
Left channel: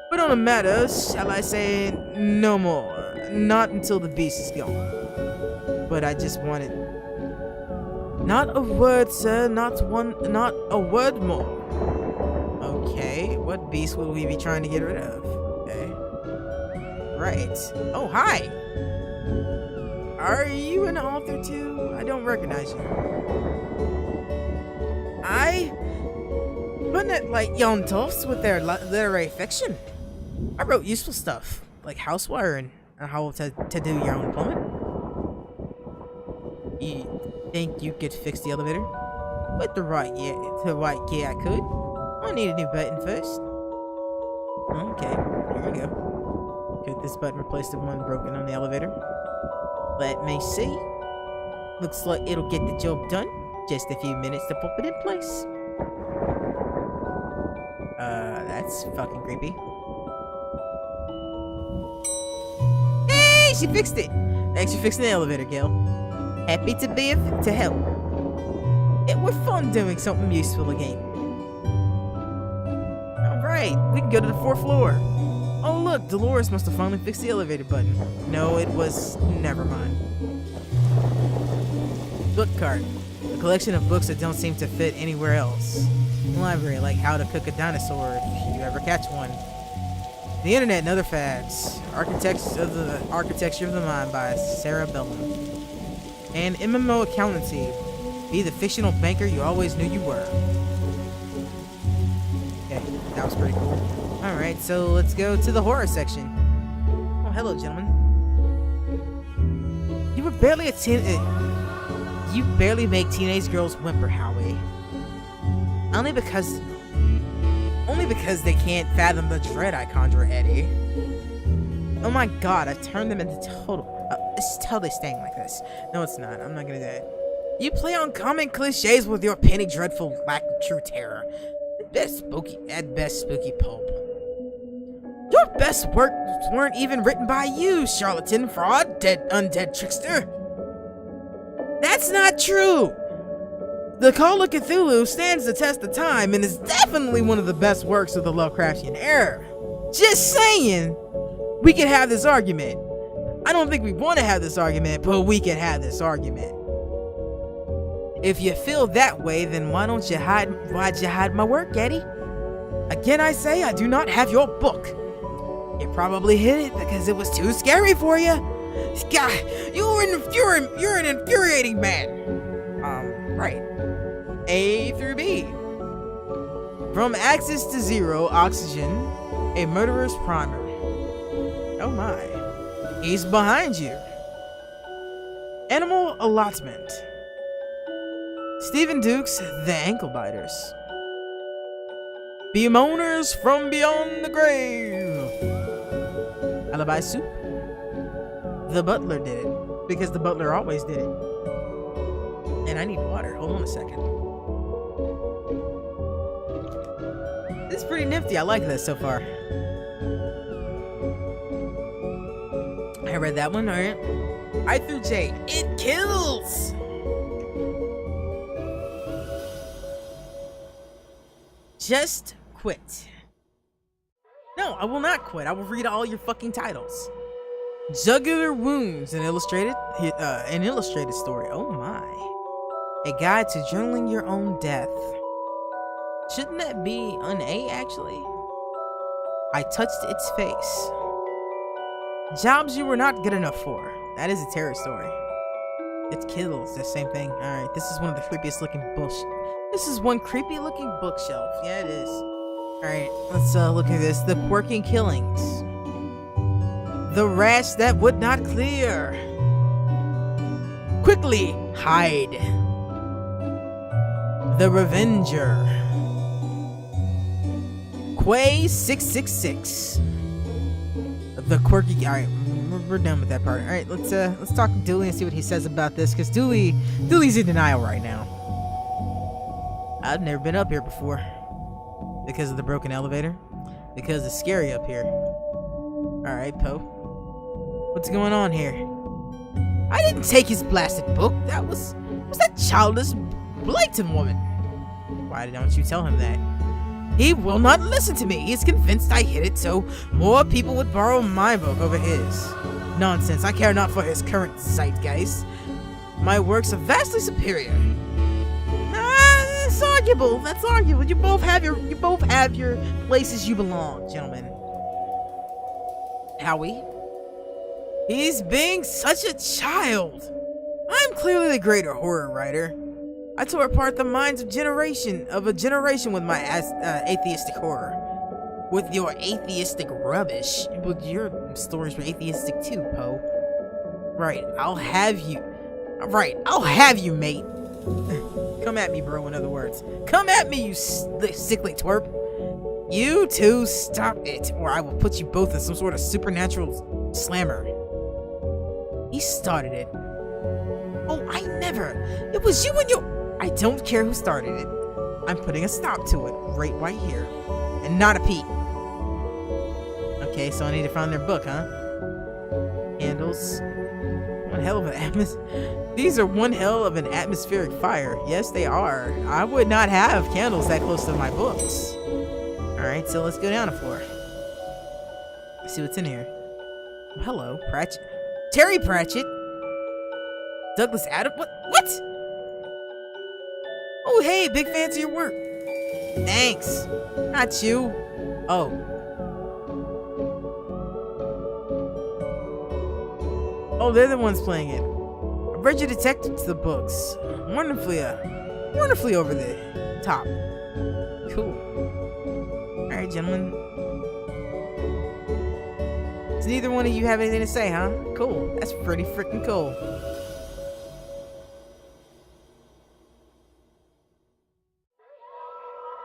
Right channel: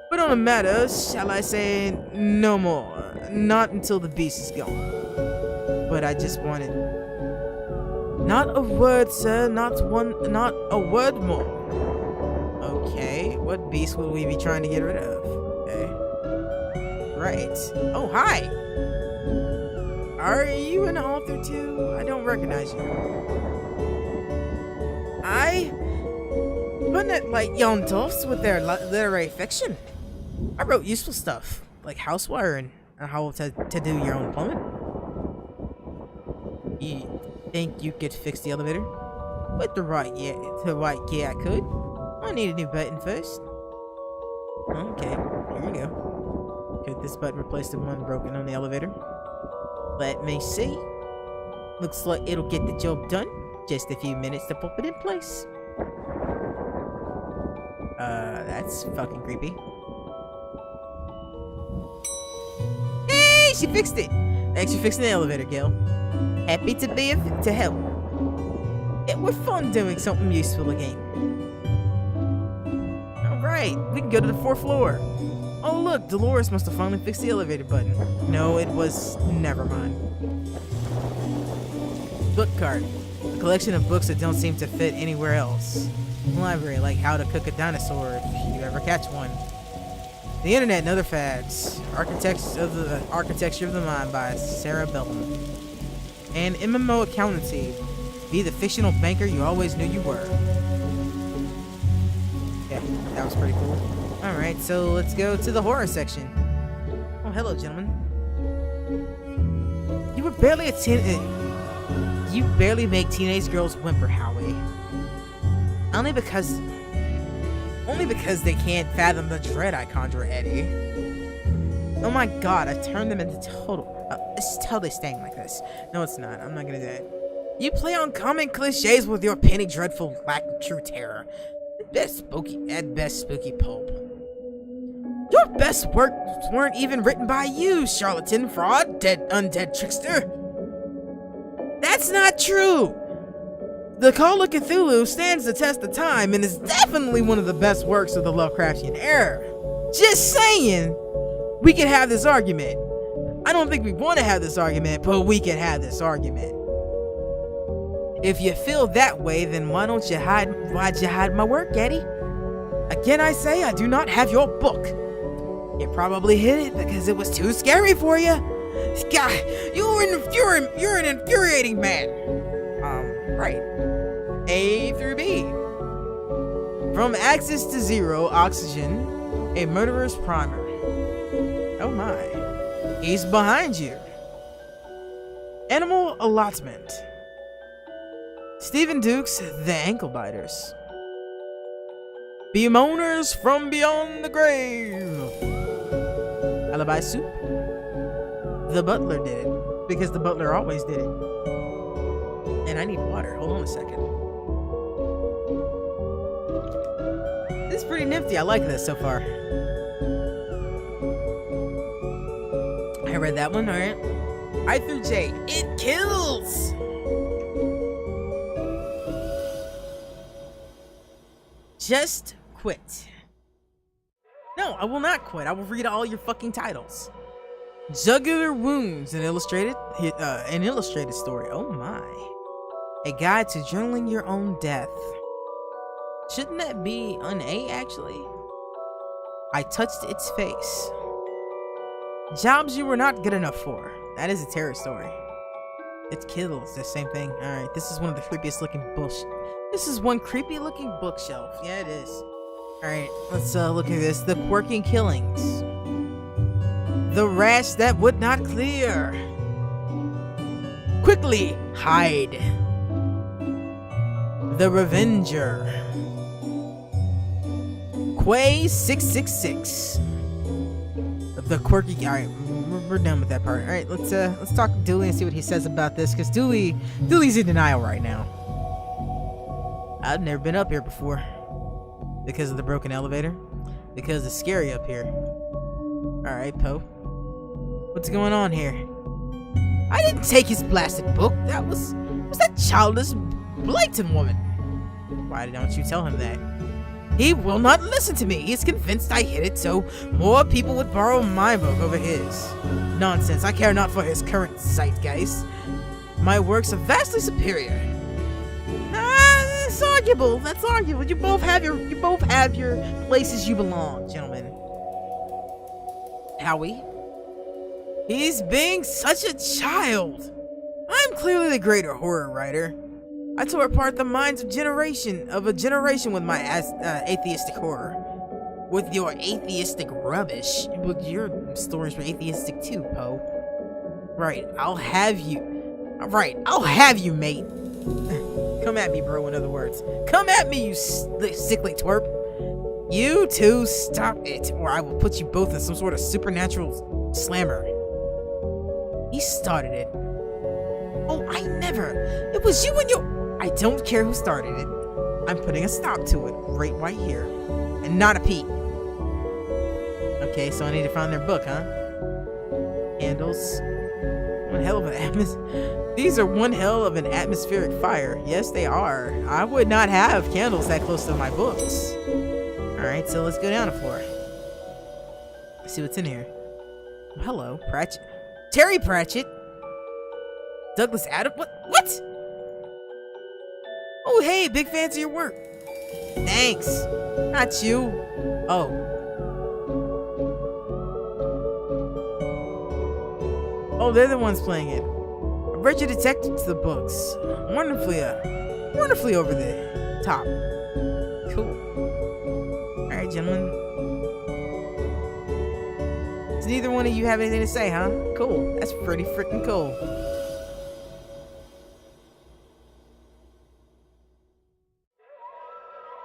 but on a matter, shall I say, no more. Not until the beast is gone. But I just wanted... Not a word, sir. Not a word more. Okay, what beast would we be trying to get rid of? Okay. Right. Oh, hi! Are you an author too? I don't recognize you. Putting it like young toffs with their literary fiction. I wrote useful stuff, like housewiring and how to do your own plumbing. You think you could fix the elevator? With the right key I could. I need a new button first. Okay, here you go. Could this button replace the one broken on the elevator? Let me see. Looks like it'll get the job done. Just a few minutes to pop it in place. That's fucking creepy. Hey, she fixed it! Thanks for fixing the elevator, Gil. Happy to be to help. It was fun doing something useful again. Alright, we can go to the 4th floor. Oh look, Dolores must have finally fixed the elevator button. No, it was... never mind. Book cart. A collection of books that don't seem to fit anywhere else. Library, like How to Cook a Dinosaur, if you ever catch one. The Internet and Other Fads. Architecture of the Mind by Sarah Bellum. And MMO Accountancy. Be the fictional banker you always knew you were. Okay, that was pretty cool. Alright, so let's go to the horror section. Oh, hello, gentlemen. You were barely you barely make teenage girls whimper, Howie. Only because they can't fathom the dread I conjure, Eddie. Oh my god, I've turned them into total... it's totally staying like this. No, it's not. I'm not gonna do it. You play on common cliches with your penny dreadful lack of true terror. At best spooky pulp. Your best works weren't even written by you, charlatan, fraud, undead trickster. That's not true! The Call of Cthulhu stands the test of time and is definitely one of the best works of the Lovecraftian era. Just saying, we can have this argument. I don't think we want to have this argument, but we can have this argument. If you feel that way, then why'd you hide my work, Eddie? Again, I say I do not have your book. You probably hid it because it was too scary for you. God, you're an infuriating man. Right. A through B. From axis to zero, oxygen, a murderer's primer. Oh my. He's behind you. Animal allotment. Stephen Dukes, The Ankle Biters. Bemoaners from beyond the grave. Alibi soup. The butler did it. Because the butler always did it. And I need water. Hold on a second. This is pretty nifty. I like this so far. I read that one. Alright. I through J. It kills! Just quit. No, No, I will not quit. I will read all your fucking titles. Jugular Wounds, an illustrated story. Oh my. A guide to journaling your own death. Shouldn't that be an A, actually? I touched its face. Jobs you were not good enough for. That is a terror story. It's Kittles, the same thing. Alright, this is one of the creepiest looking books. This is one creepy looking bookshelf. Yeah, it is. Alright, let's look at this. The Quirking Killings. The Rash That Would Not Clear. Quickly Hide. The Revenger. Quay 666. The Quirky. Alright, we're done with that part. Alright, let's talk to Dooley and see what he says about this, because Dooley's in denial right now. I've never been up here before. Because of the broken elevator. Because it's scary up here. Alright, Poe. What's going on here? I didn't take his blasted book. Was that childless Blyton woman. Why don't you tell him that? He will not listen to me. He's convinced I hid it so more people would borrow my book over his. Nonsense. I care not for his current zeitgeist. My works are vastly superior. Nah, it's arguable. That's arguable. You both have your places you belong, gentlemen. Howie? He's being such a child. I'm clearly the greater horror writer. I tore apart the minds of a generation with my atheistic horror. With your atheistic rubbish. But your stories were atheistic too, Poe. Right, I'll have you. Right, I'll have you, mate. Come at me, bro, in other words. Come at me, you sickly twerp. You two, stop it, or I will put you both in some sort of supernatural slammer. He started it. Oh, I never. It was you and your... I don't care who started it. I'm putting a stop to it right here. And not a peep. Okay, so I need to find their book, huh? Candles. One hell of an These are one hell of an atmospheric fire. Yes, they are. I would not have candles that close to my books. Alright, so let's go down the floor. Let's see what's in here. Oh, hello, Pratchett. Terry Pratchett. Douglas Adams. What? Oh, hey, big fans of your work. Thanks. Not you. Oh. Oh, they're the ones playing it. I've read your detective to the books. Wonderfully over the top. Cool. Alright, gentlemen. So neither one of you have anything to say, huh? Cool. That's pretty freaking cool.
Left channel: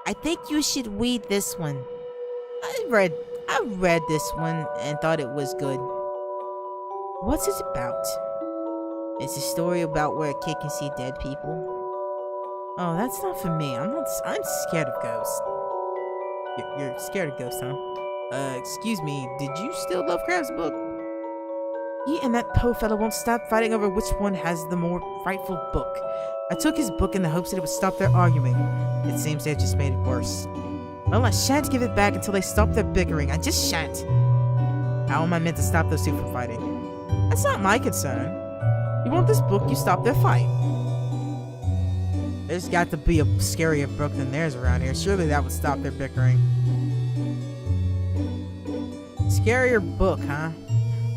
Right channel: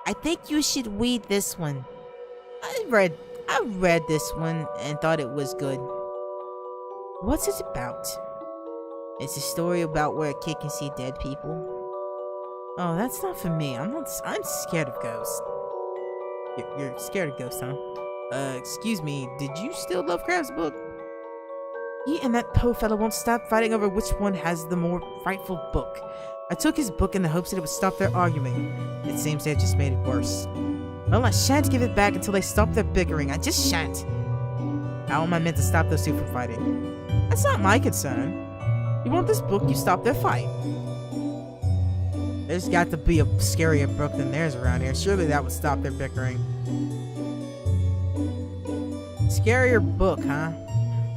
I think you should read this one. I read this one and thought it was good. What's it about? It's a story about where a kid can see dead people. Oh, that's not for me. I'm scared of ghosts. You're scared of ghosts, huh? Excuse me, did you steal Lovecraft's book? He and that Poe fellow won't stop fighting over which one has the more rightful book. I took his book in the hopes that it would stop their arguing. It seems they've just made it worse. Well, I shan't give it back until they stop their bickering. I just shan't. How am I meant to stop those two from fighting? That's not my concern. You want this book, you stop their fight. There's got to be a scarier book than theirs around here. Surely that would stop their bickering. Scarier book, huh?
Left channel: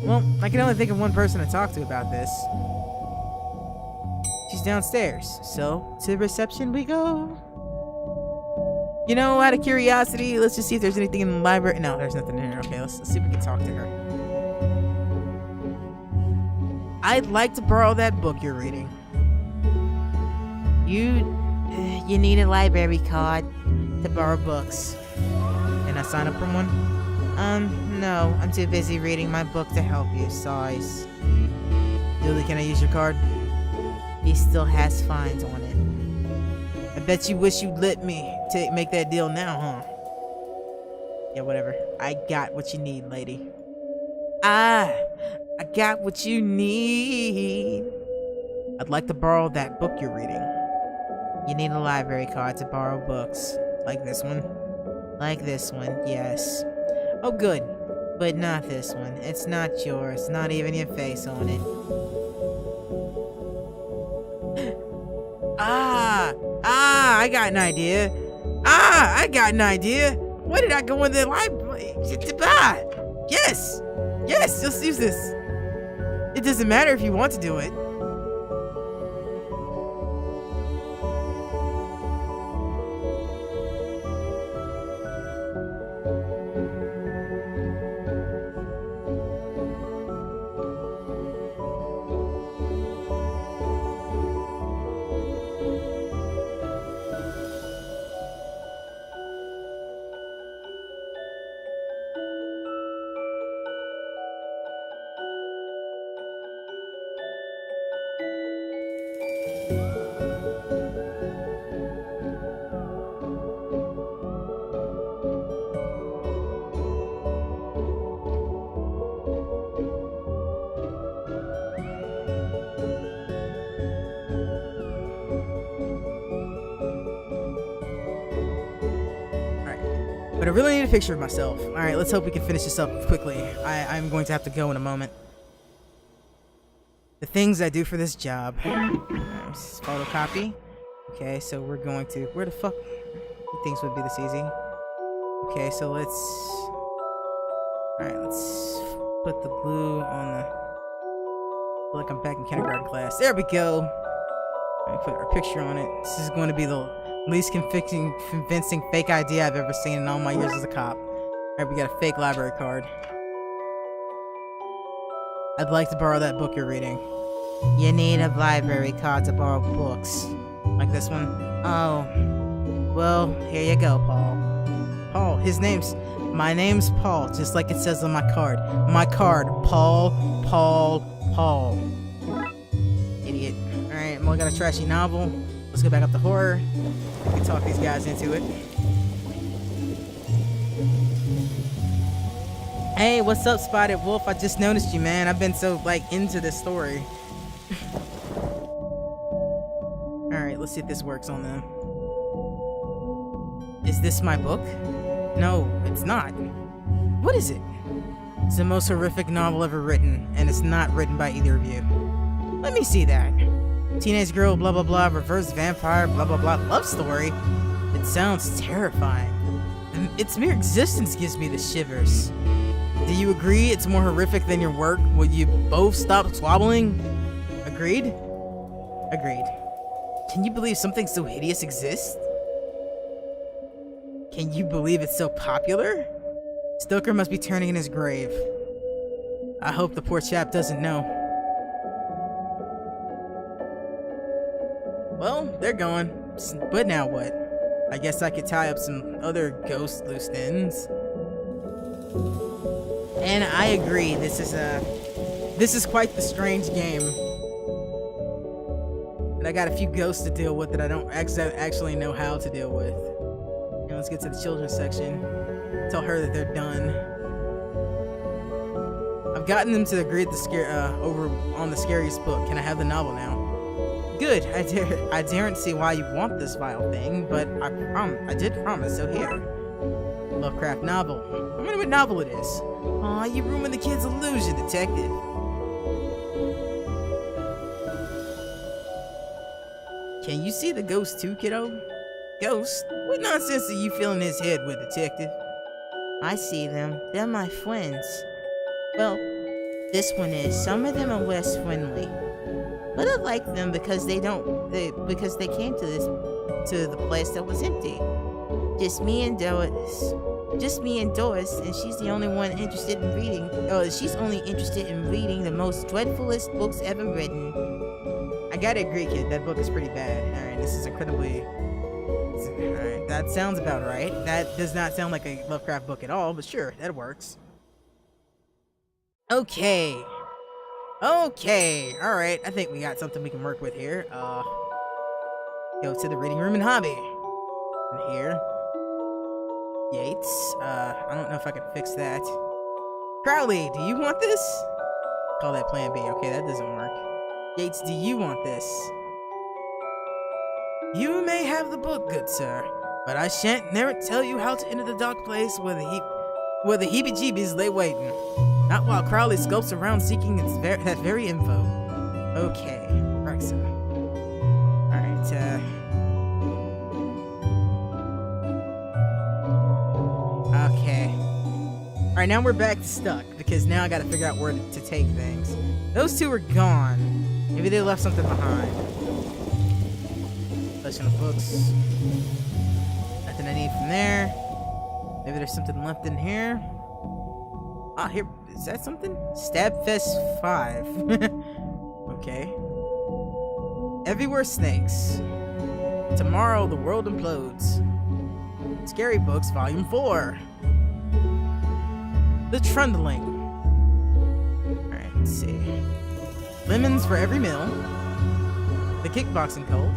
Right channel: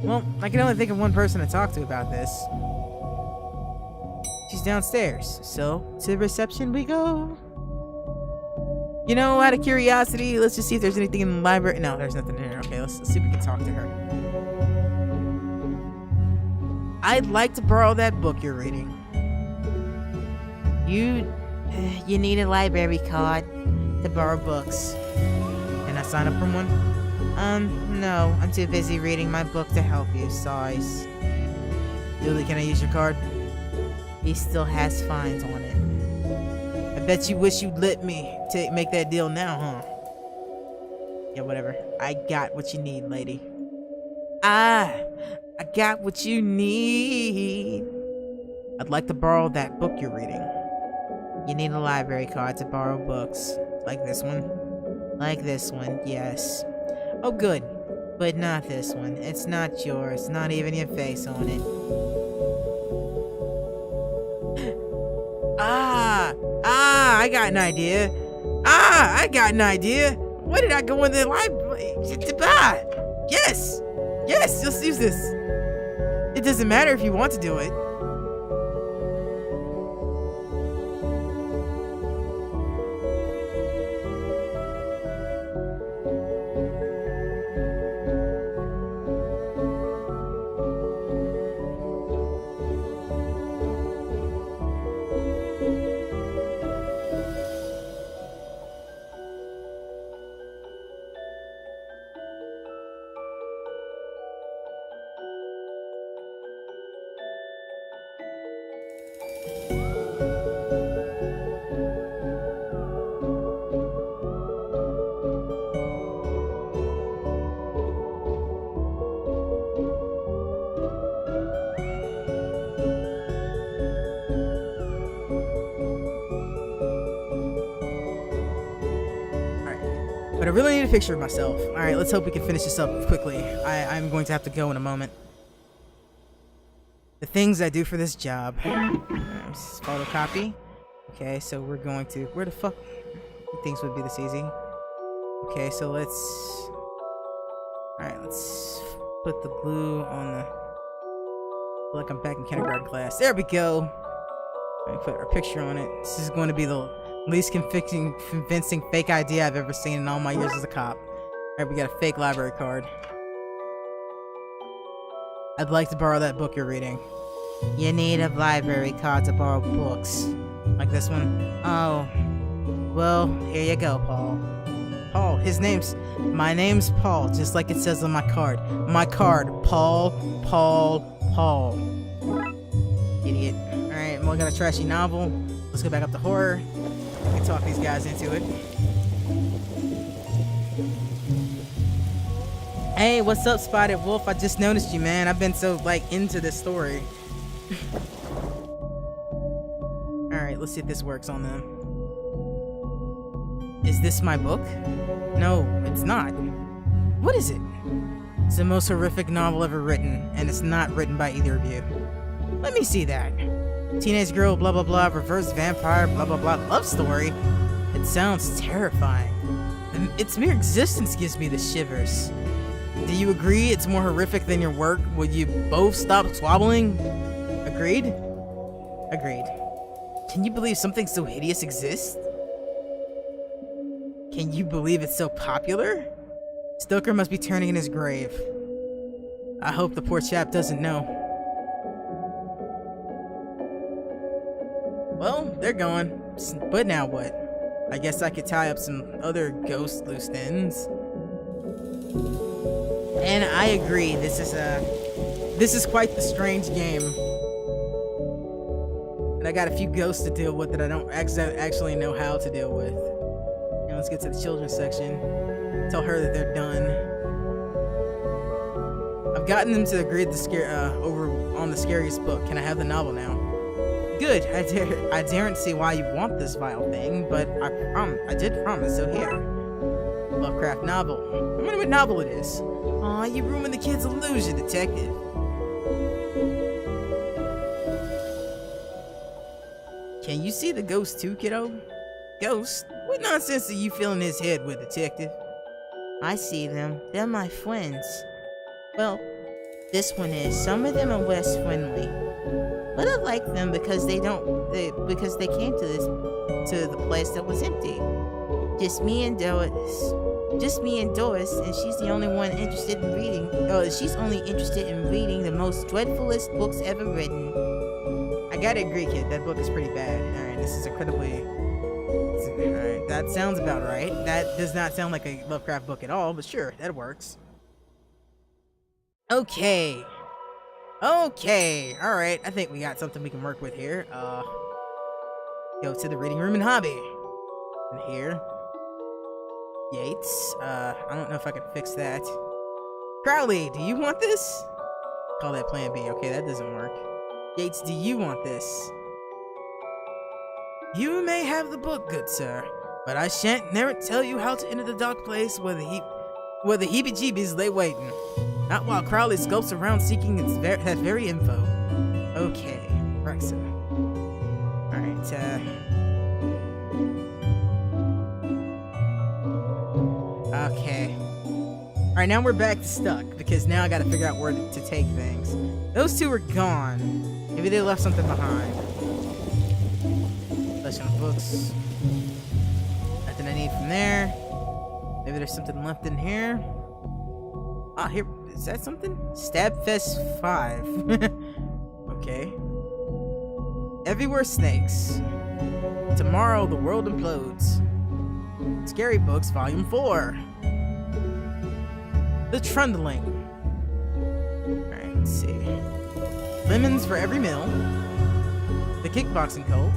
Well, I can only think of one person to talk to about this. She's downstairs, so to the reception we go. You know, out of curiosity, let's just see if there's anything in the library. No, there's nothing in here. Okay, let's see if we can talk to her. I'd like to borrow that book you're reading. You need a library card to borrow books. Can I sign up for one? No, I'm too busy reading my book to help you, sighs. Dooley, can I use your card? He still has fines on it. I bet you wish you'd let me make that deal now, huh? Yeah, whatever. I got what you need, lady. I got what you need. I'd like to borrow that book you're reading. You need a library card to borrow books. Like this one? Like this one, yes. Oh, good. But not this one. It's not yours. Not even your face on it. I got an idea. I got an idea. Where did I go in the library to buy? Yes, let's use this. It doesn't matter if you want to do it. But I really need a picture of myself. Alright, let's hope we can finish this up quickly. I'm going to have to go in a moment. The things I do for this job. Photocopy. Okay, so we're going to... Where the fuck... Things would be this easy. Okay, so let's... Alright, let's put the glue on the... I feel like I'm back in kindergarten class. There we go! Let me put our picture on it. This is going to be the least convincing fake idea I've ever seen in all my years as a cop. Alright, we got a fake library card. I'd like to borrow that book you're reading. You need a library card to borrow books. Like this one? Oh. Well, here you go, Paul. Paul, my name's Paul, just like it says on my card. My card, Paul. Idiot. Alright, I got a trashy novel. Let's go back up to horror. We can talk these guys into it. Hey, what's up, Spotted Wolf? I just noticed you, man. I've been so, into this story. Alright, let's see if this works on them. Is this my book? No, it's not. What is it? It's the most horrific novel ever written, and it's not written by either of you. Let me see that. Teenage girl, blah blah blah, reverse vampire, blah blah blah, love story. It sounds terrifying. Its mere existence gives me the shivers. Do you agree it's more horrific than your work? Will you both stop squabbling? Agreed? Agreed. Can you believe something so hideous exists? Can you believe it's so popular? Stoker must be turning in his grave. I hope the poor chap doesn't know. Well, they're gone. But now what? I guess I could tie up some other ghost loose ends. And I agree, this is quite the strange game. And I got a few ghosts to deal with that I don't actually know how to deal with. And let's get to the children's section. Tell her that they're done. I've gotten them to agree to over on the scariest book. Can I have the novel now? Good. I daren't see why you want this vile thing, but I did promise, so here. Lovecraft novel. I wonder what novel it is. Aw, you ruined the kid's illusion, detective. Can you see the ghost too, kiddo? Ghost? What nonsense are you filling his head with, detective? I see them. They're my friends. Well, this one is. Some of them are less friendly. But I like them because they came to the place that was empty. Just me and Doris, and she's the only one interested in reading. She's only interested in reading the most dreadfulest books ever written. I gotta agree, kid. That book is pretty bad. Alright, this is incredibly... Alright, that sounds about right. That does not sound like a Lovecraft book at all, but sure, that works. Okay. Okay, alright. I think we got something we can work with here. Go to the reading room and hobby. And here. Yates. I don't know if I can fix that. Crowley, do you want this? Call that plan B. Okay, that doesn't work. Yates, do you want this? You may have the book, good sir, but I shan't never tell you how to enter the dark place where Well, the heebie-jeebies lay waiting. Not while Crowley scopes around seeking that very info. Okay, Rexa. Alright, okay. Alright, now we're back to stuck, because now I gotta figure out where to take things. Those two are gone. Maybe they left something behind. Collection of books. Nothing I need from there. Maybe there's something left in here. Ah, here. Is that something? Stabfest 5. Okay. Everywhere snakes. Tomorrow the world implodes. Scary Books Volume 4. The Trundling. Alright, let's see. Lemons for Every Meal. The Kickboxing Cult.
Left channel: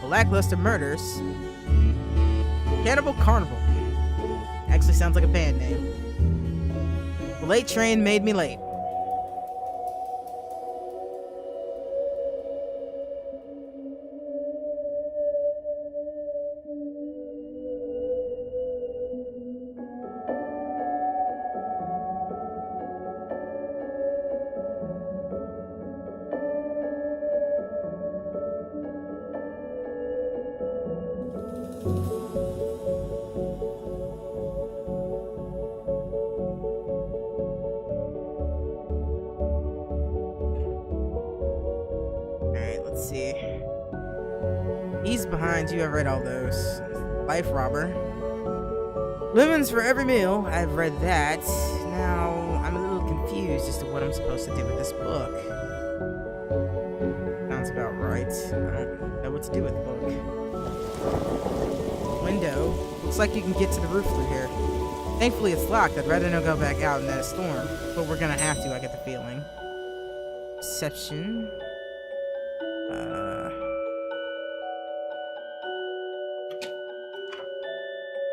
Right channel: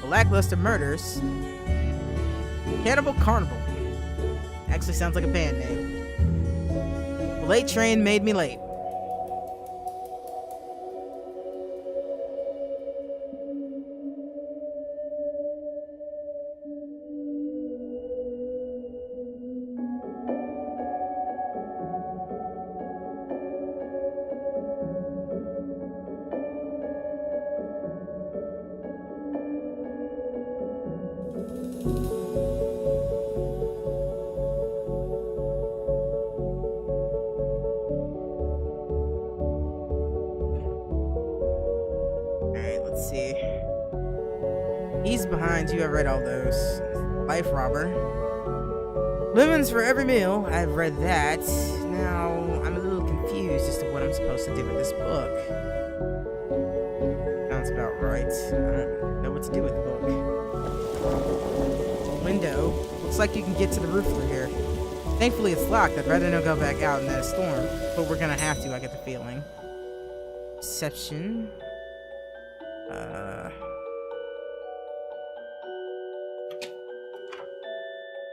The Lackluster Murders. Cannibal Carnival. Actually sounds like a band name. The Late Train Made Me Late. Alright, let's see. He's behind you, I've read all those. Life Robber. Lemons for Every Meal, I've read that. Now, I'm a little confused as to what I'm supposed to do with this book. Sounds about right. I don't know what to do with the book. Window. Looks like you can get to the roof through here. Thankfully it's locked. I'd rather not go back out in that storm. But we're gonna have to, I get the feeling. Reception.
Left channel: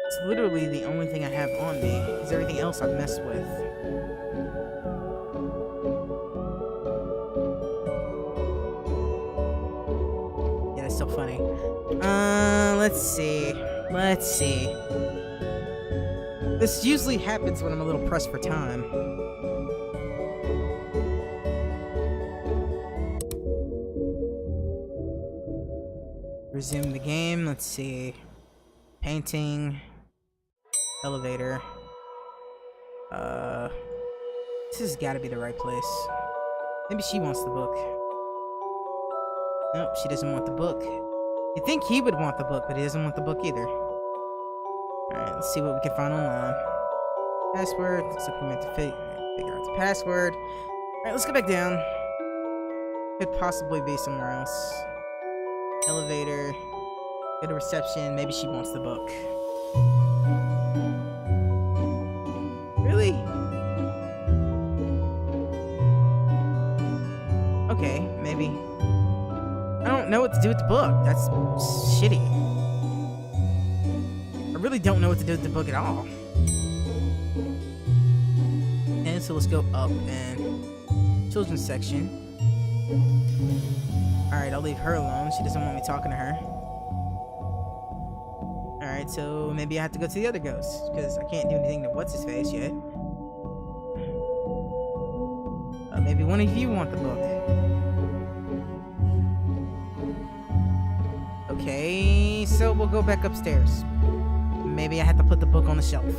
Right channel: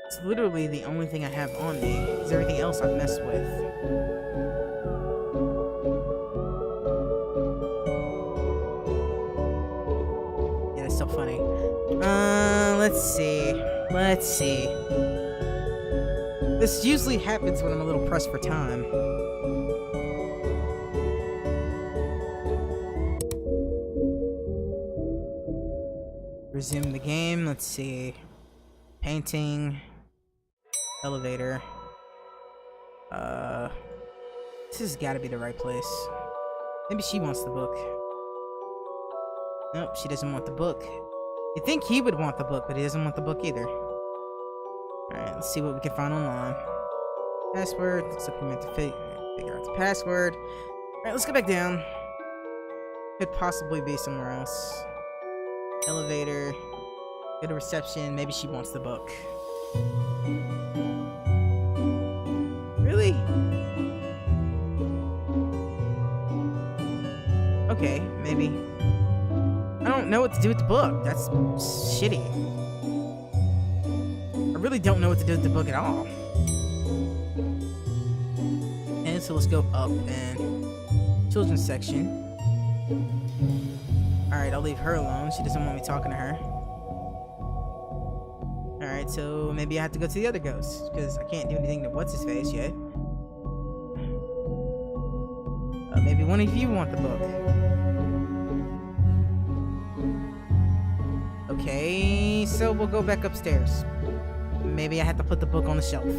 It's literally the only thing I have on me, because everything else I've messed with. Yeah, it's still funny. Let's see. Let's see. This usually happens when I'm a little pressed for time. Resume the game. Let's see. Painting. Elevator. This has got to be the right place. Maybe she wants the book. Nope, she doesn't want the book. You'd think he would want the book, but he doesn't want the book either. Alright, let's see what we can find online. Password. Looks like we meant to figure out the password. Alright, let's go back down. Could possibly be somewhere else. Elevator. Go to reception. Maybe she wants the book. Really? Okay, maybe. I don't know what to do with the book. That's shitty. I really don't know what to do with the book at all. And so let's go up and children's section. Alright, I'll leave her alone. She doesn't want me talking to her. Alright, so maybe I have to go to the other ghosts, because I can't do anything to what's-his-face yet. Maybe one of you want the book. Okay, so we'll go back upstairs. Maybe I have to put the book on the shelf.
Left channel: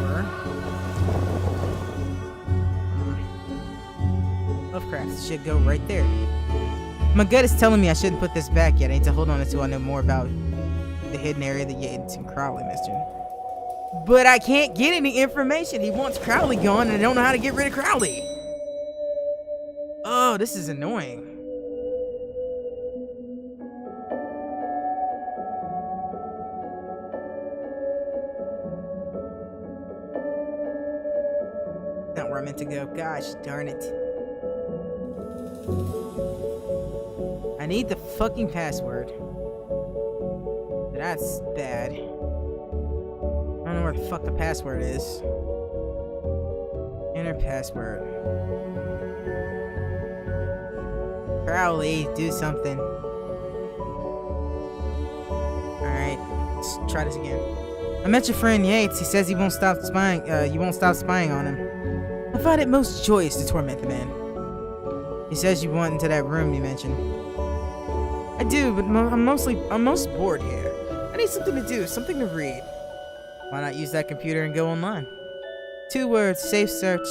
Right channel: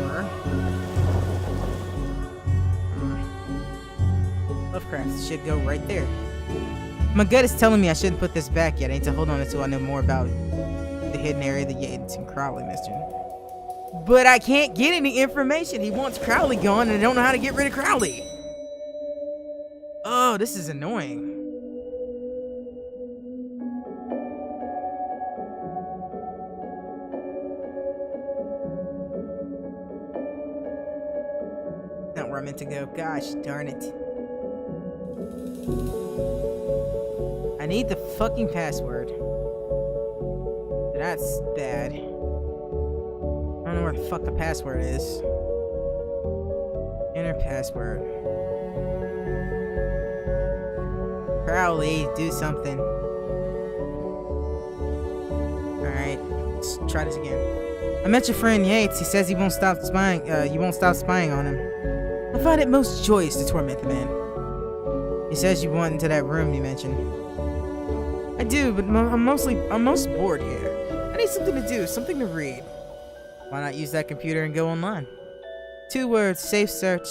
Or... Lovecraft should go right there. My gut is telling me I shouldn't put this back yet. I need to hold on until I know more about the hidden area that Yates and Crowley mystery. But I can't get any information. He wants Crowley gone and I don't know how to get rid of Crowley. Oh, this is annoying. Not where I meant to go. Gosh darn it. I need the fucking password. That's bad. I don't know where the fuck the password is. Enter password. Crowley, do something. Alright, let's try this again. I met your friend Yates. He says he won't stop spying. You won't stop spying on him. I find it most joyous to torment the man. He says you went into that room you mentioned. I do, but I'm most bored here. I need something to do, something to read. Why not use that computer and go online? 2 words, safe search.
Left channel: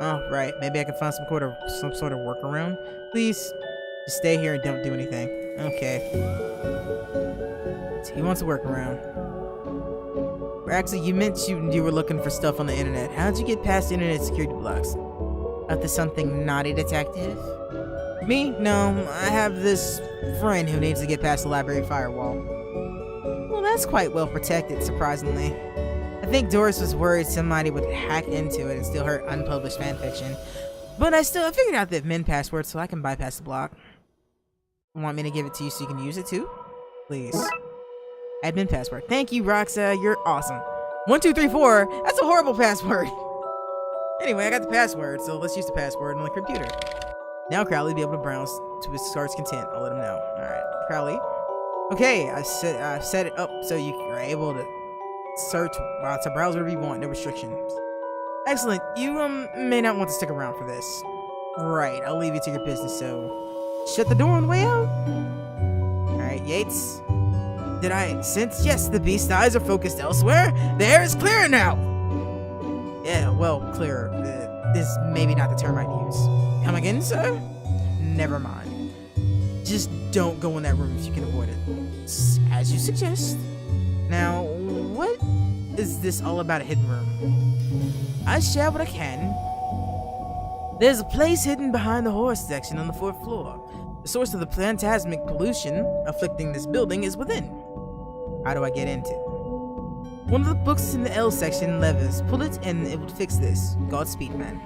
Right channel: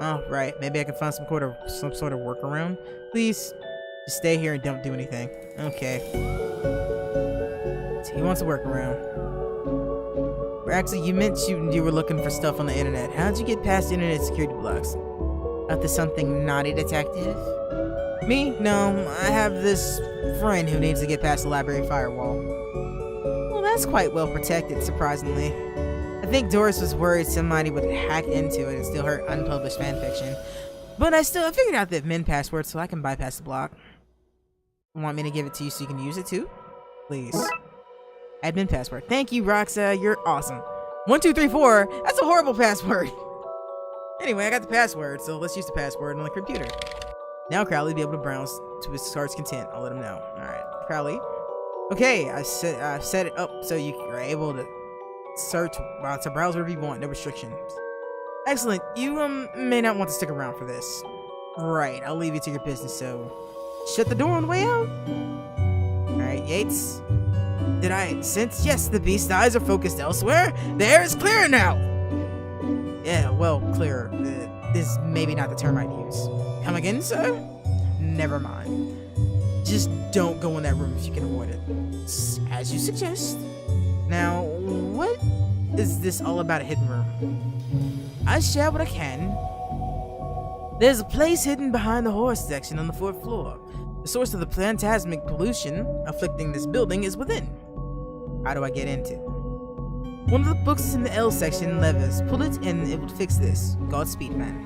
Oh, right. Maybe I can find some sort of workaround. Please, just stay here and don't do anything. Okay. He wants a workaround. Actually, you meant you were looking for stuff on the internet. How'd you get past internet security blocks? Up to something naughty, detective? Me? No, I have this friend who needs to get past the library firewall. Well, that's quite well protected, surprisingly. I think Doris was worried somebody would hack into it and steal her unpublished fanfiction. But I figured out the admin password so I can bypass the block. Want me to give it to you so you can use it too? Please. Admin password. Thank you, Roxa. You're awesome. 1, 2, 3, 4. That's a horrible password. Anyway, I got the password, so let's use the password on the computer. Now Crowley will be able to browse to his heart's content. I'll let him know. Alright, Crowley. Okay, I've set it up so you are able to search, to browse wherever you want, no restrictions. Excellent. You may not want to stick around for this. Right, I'll leave you to your business, so shut the door on the way out. Alright, Yates. Did I sense? Yes, the beast's eyes are focused elsewhere. The air is clear now. Yeah, well, clear is maybe not the term I'd use. Come again, sir? Never mind. Just don't go in that room if you can avoid it. As you suggest. Now, what is this all about a hidden room? I share what I can. There's a place hidden behind the horse section on the 4th floor. The source of the phantasmic pollution afflicting this building is within. How do I get into it? One of the books in the L section levers. Pull it and it will fix this. Godspeed, man.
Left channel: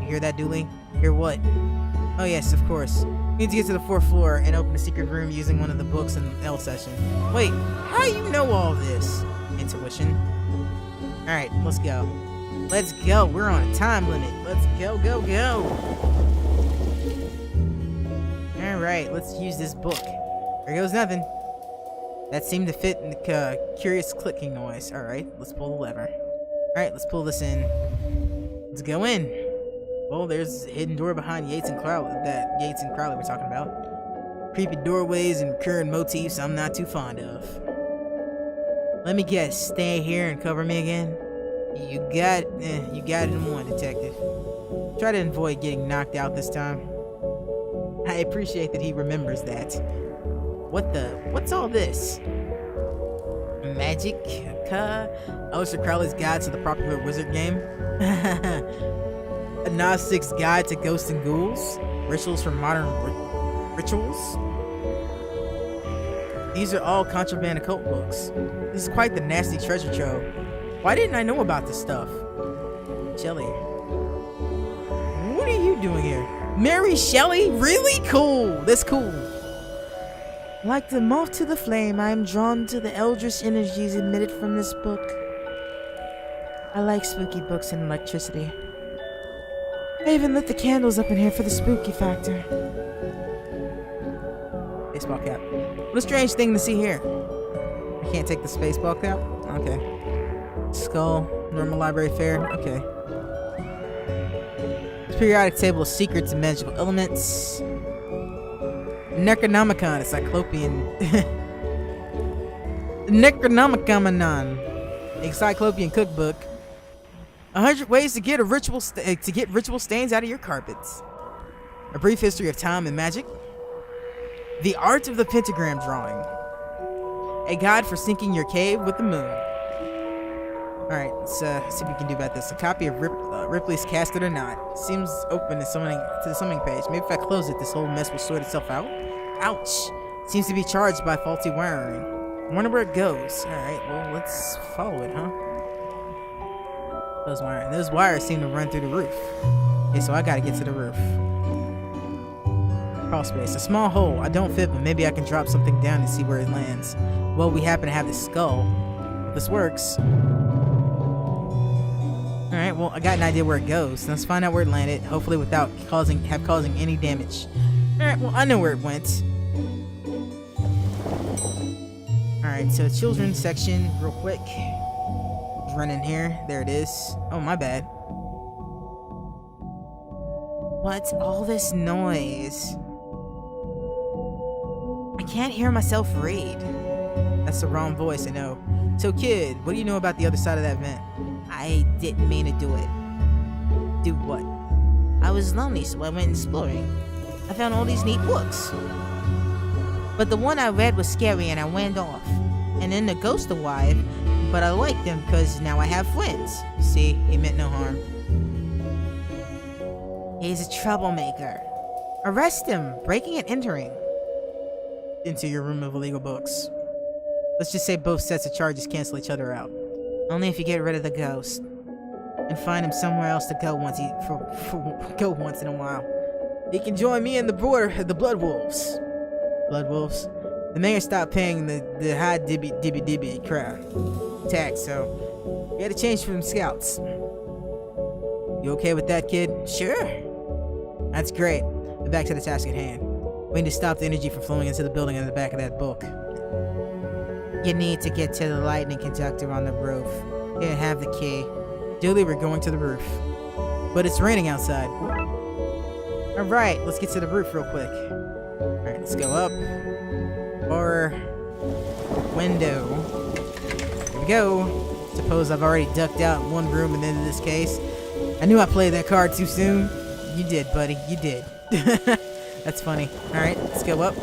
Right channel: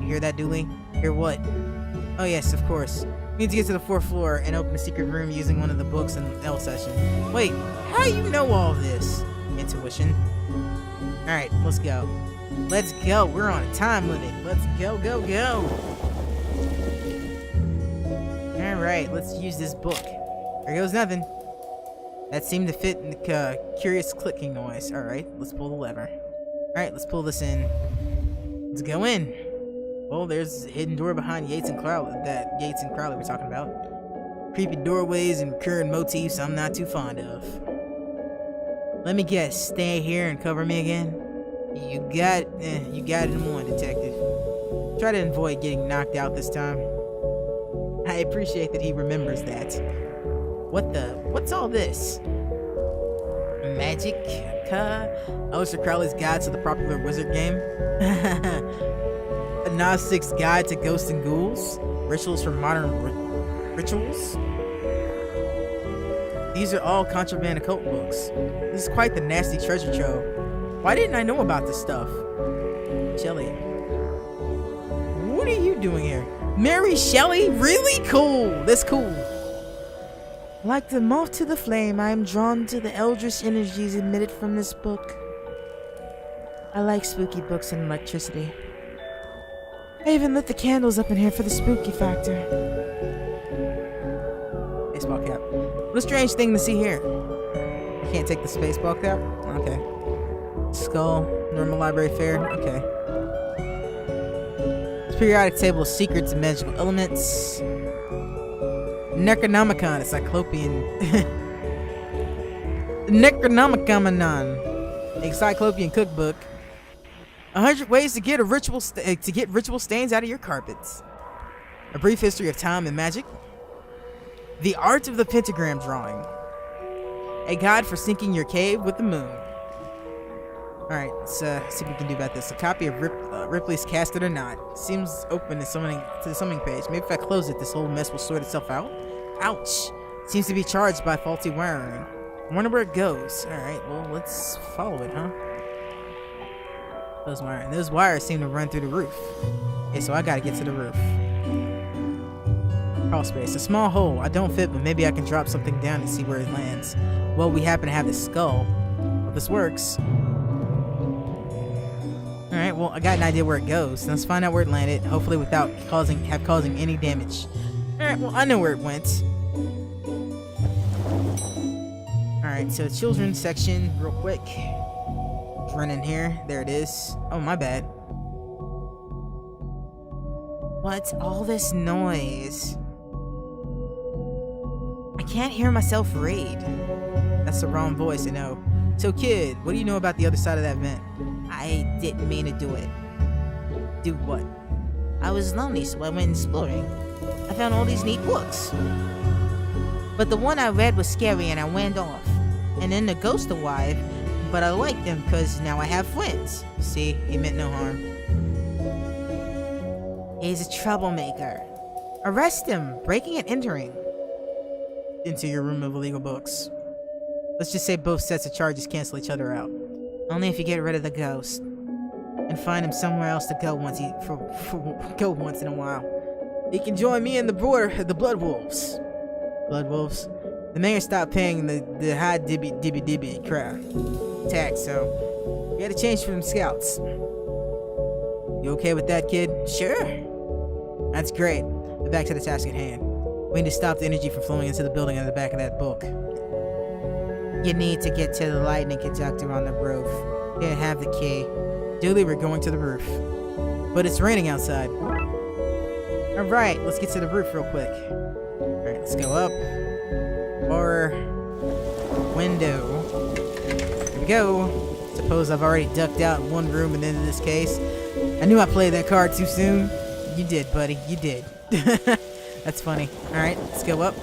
You hear that, Dooley? Hear what? Oh yes, of course. We need to get to the 4th floor and open a secret room using one of the books in the L section. Wait, how do you know all this? Intuition. Alright, let's go. Let's go. We're on a time limit. Let's go, go, go. Alright, let's use this book. There goes nothing. That seemed to fit in the curious clicking noise. Alright, let's pull the lever. Alright, let's pull this in. Let's go in. Well, there's a hidden door behind Yates and Crowley that Yates and Crowley were talking about. Creepy doorways and recurring motifs I'm not too fond of. Let me guess, stay here and cover me again? You got it in one, detective. Try to avoid getting knocked out this time. I appreciate that he remembers that. What's all this? Magic? Aleister Crowley's Guide to the Popular Wizard Game? A Gnostic's Guide to Ghosts and Ghouls? Rituals for Modern Rituals? These are all contraband occult books. This is quite the nasty treasure trove. Why didn't I know about this stuff? Shelley. What are you doing here? Mary Shelley? Really? Cool. That's cool. Like the moth to the flame, I am drawn to the eldritch energies emitted from this book. I like spooky books and electricity. I even lit the candles up in here for the spooky factor. Baseball cap. What a strange thing to see here. I can't take the spaceball cap? Okay. Skull. Normal library fare? Okay. Periodic table of secrets and magical elements. Necronomicon, a Cyclopean. Necronomicon, a Cyclopean cookbook. 100 ways to get ritual stains out of your carpets. A brief history of time and magic. The art of the pentagram drawing. A guide for sinking your cave with the moon. Alright, let's see what we can do about this. A copy of Ripley's Cast It or Not. Seems open to the summoning page. Maybe if I close it, this whole mess will sort itself out. Ouch! Seems to be charged by faulty wiring. I wonder where it goes. Alright, well, let's follow it, huh? Those wiring. Those wires seem to run through the roof. Okay, so I gotta get to the roof. Crawl space. A small hole. I don't fit, but maybe I can drop something down and see where it lands. Well, we happen to have this skull. If this works. Alright, well, I got an idea where it goes. Let's find out where it landed, hopefully without causing any damage. Alright, well, I know where it went. Alright, so children's section, real quick. Run in here. There it is. Oh, my bad. What's all this noise? I can't hear myself read. That's the wrong voice, I know. So, kid, what do you know about the other side of that vent? I didn't mean to do it. Do what? I was lonely, so I went exploring. I found all these neat books. But the one I read was scary and I went off. And then the ghost arrived, but I liked them because now I have friends. See, he meant no harm. He's a troublemaker. Arrest him, breaking and entering. Into your room of illegal books. Let's just say both sets of charges cancel each other out. Only if you get rid of the ghost. And find him somewhere else to go once go once in a while. He can join me and the Blood Wolves. Blood Wolves? The mayor stopped paying the high dibby crap tax, so we had to change from scouts. You okay with that, kid? Sure. That's great. But back to the task at hand. We need to stop the energy from flowing into the building in the back of that book. You need to get to the lightning conductor on the roof. Here, have the key. Dooley, we're going to the roof. But it's raining outside. Alright, let's get to the roof real quick. Alright, let's go up. Or window. There we go. Suppose I've already ducked out in one room and into this case. I knew I played that card too soon. You did, buddy. You did. That's funny. Alright, let's go up.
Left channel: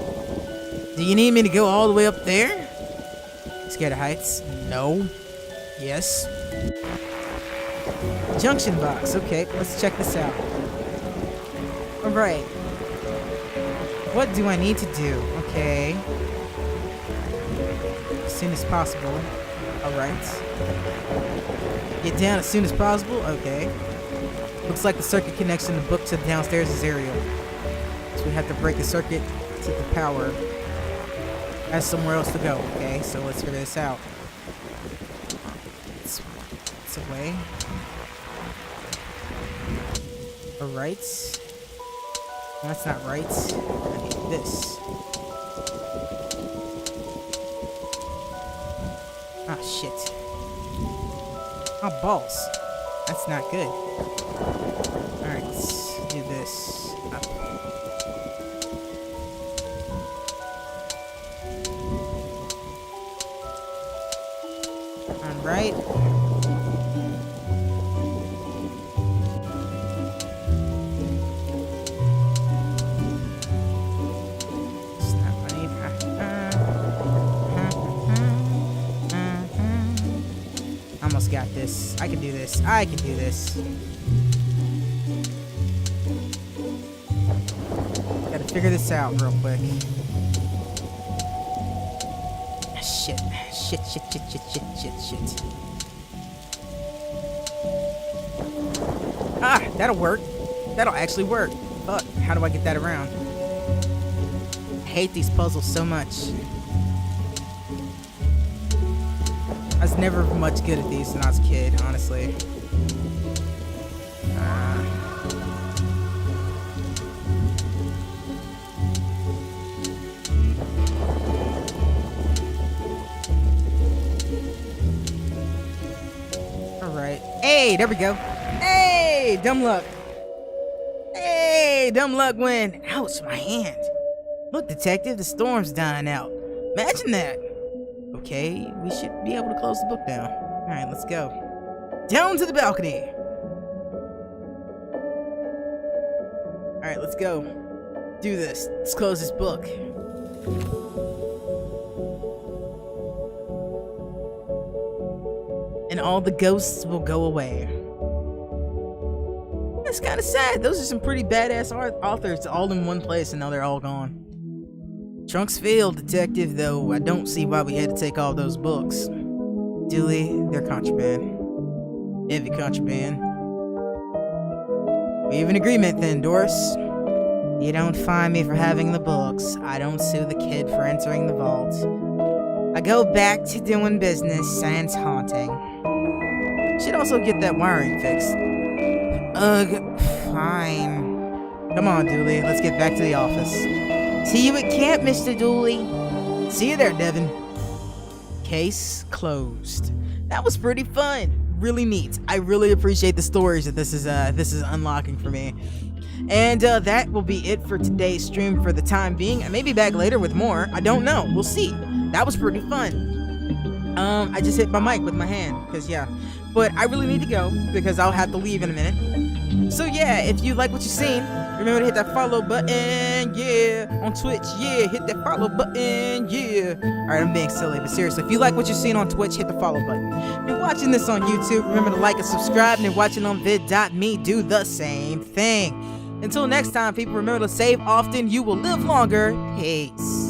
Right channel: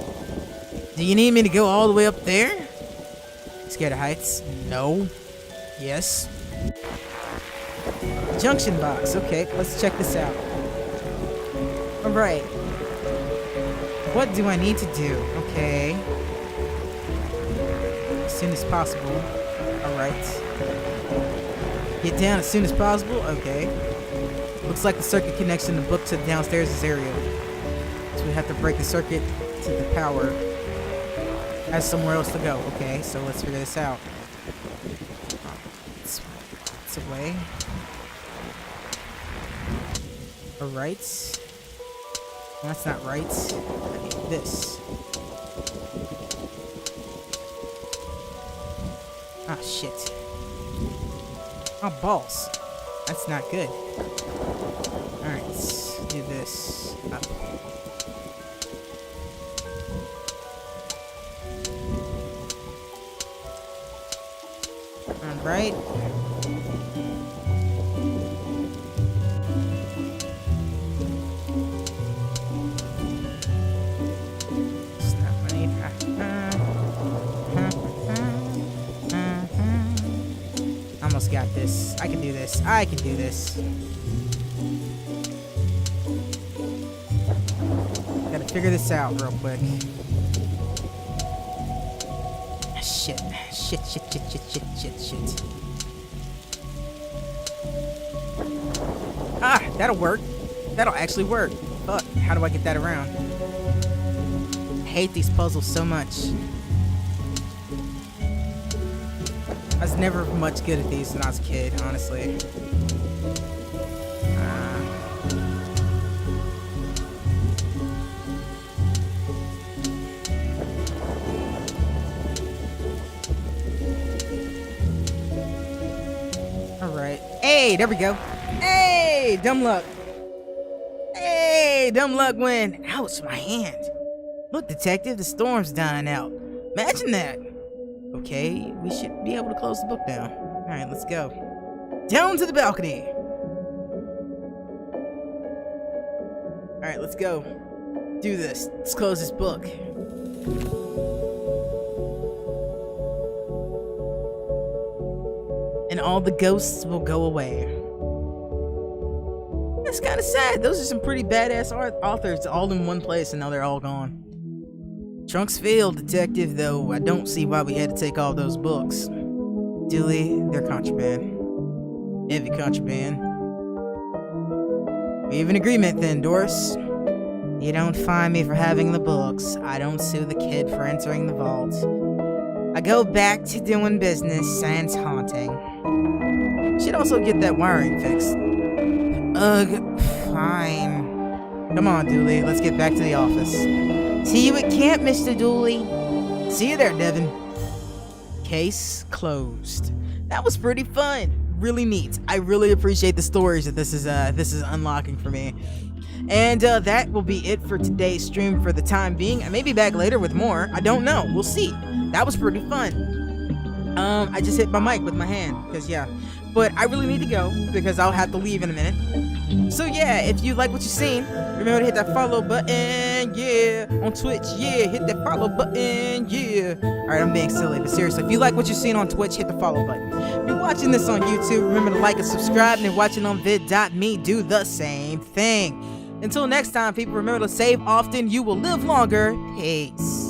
Do you need me to go all the way up there? Scared of heights? No. Yes. Junction box. Okay, let's check this out. Alright. What do I need to do? Okay. As soon as possible. Alright. Get down as soon as possible? Okay. Looks like the circuit connection to the book to the downstairs is aerial. So we have to break the circuit to the power. Has somewhere else to go. Okay, so let's figure this out. It's away. Alright. No, that's not right. I need this. Ah, shit. Oh, balls. That's not good. Alright, let's do this. Up. Alright. It's not right. Almost got this. I can do this. I can do this. Gotta figure this out real quick. Shit. Shit. Ah, that'll work. That'll actually work. Fuck, how do I get that around? I hate these puzzles so much. I was never much good at these when I was a kid, honestly. Alright. Hey, there we go. Hey, dumb luck. Hey, dumb luck win. Ouch, my hand. Look, detective, the storm's dying out. Imagine that. Okay, we should be able to close the book down. Alright, let's go. Down to the balcony. Alright, let's go. Do this. Let's close this book. And all the ghosts will go away. That's kind of sad. Those are some pretty badass authors all in one place and now they're all gone. Trunks failed, detective, though I don't see why we had to take all those books. Dooley, they're contraband. Heavy contraband. We have an agreement then, Doris. You don't fine me for having the books. I don't sue the kid for entering the vault. I go back to doing business sans haunting. Should also get that wiring fixed. Ugh, fine. Come on, Dooley, let's get back to the office. See you at camp, Mr. Dooley. See you there, Devin. Case closed. That was pretty fun. Really neat. I really appreciate the stories that this is unlocking for me. And that will be it for today's stream for the time being. I may be back later with more. I don't know. We'll see. That was pretty fun. I just hit my mic with my hand because yeah. But I really need to go because I'll have to leave in a minute. So yeah, if you like what you've seen, remember to hit that follow button, yeah. On Twitch, yeah, hit that follow button, yeah. Alright, I'm being silly, but seriously, if you like what you're seeing on Twitch, hit the follow button. If you're watching this on YouTube, remember to like and subscribe, and if you're watching on vid.me, do the same thing. Until next time, people, remember to save often, you will live longer. Peace.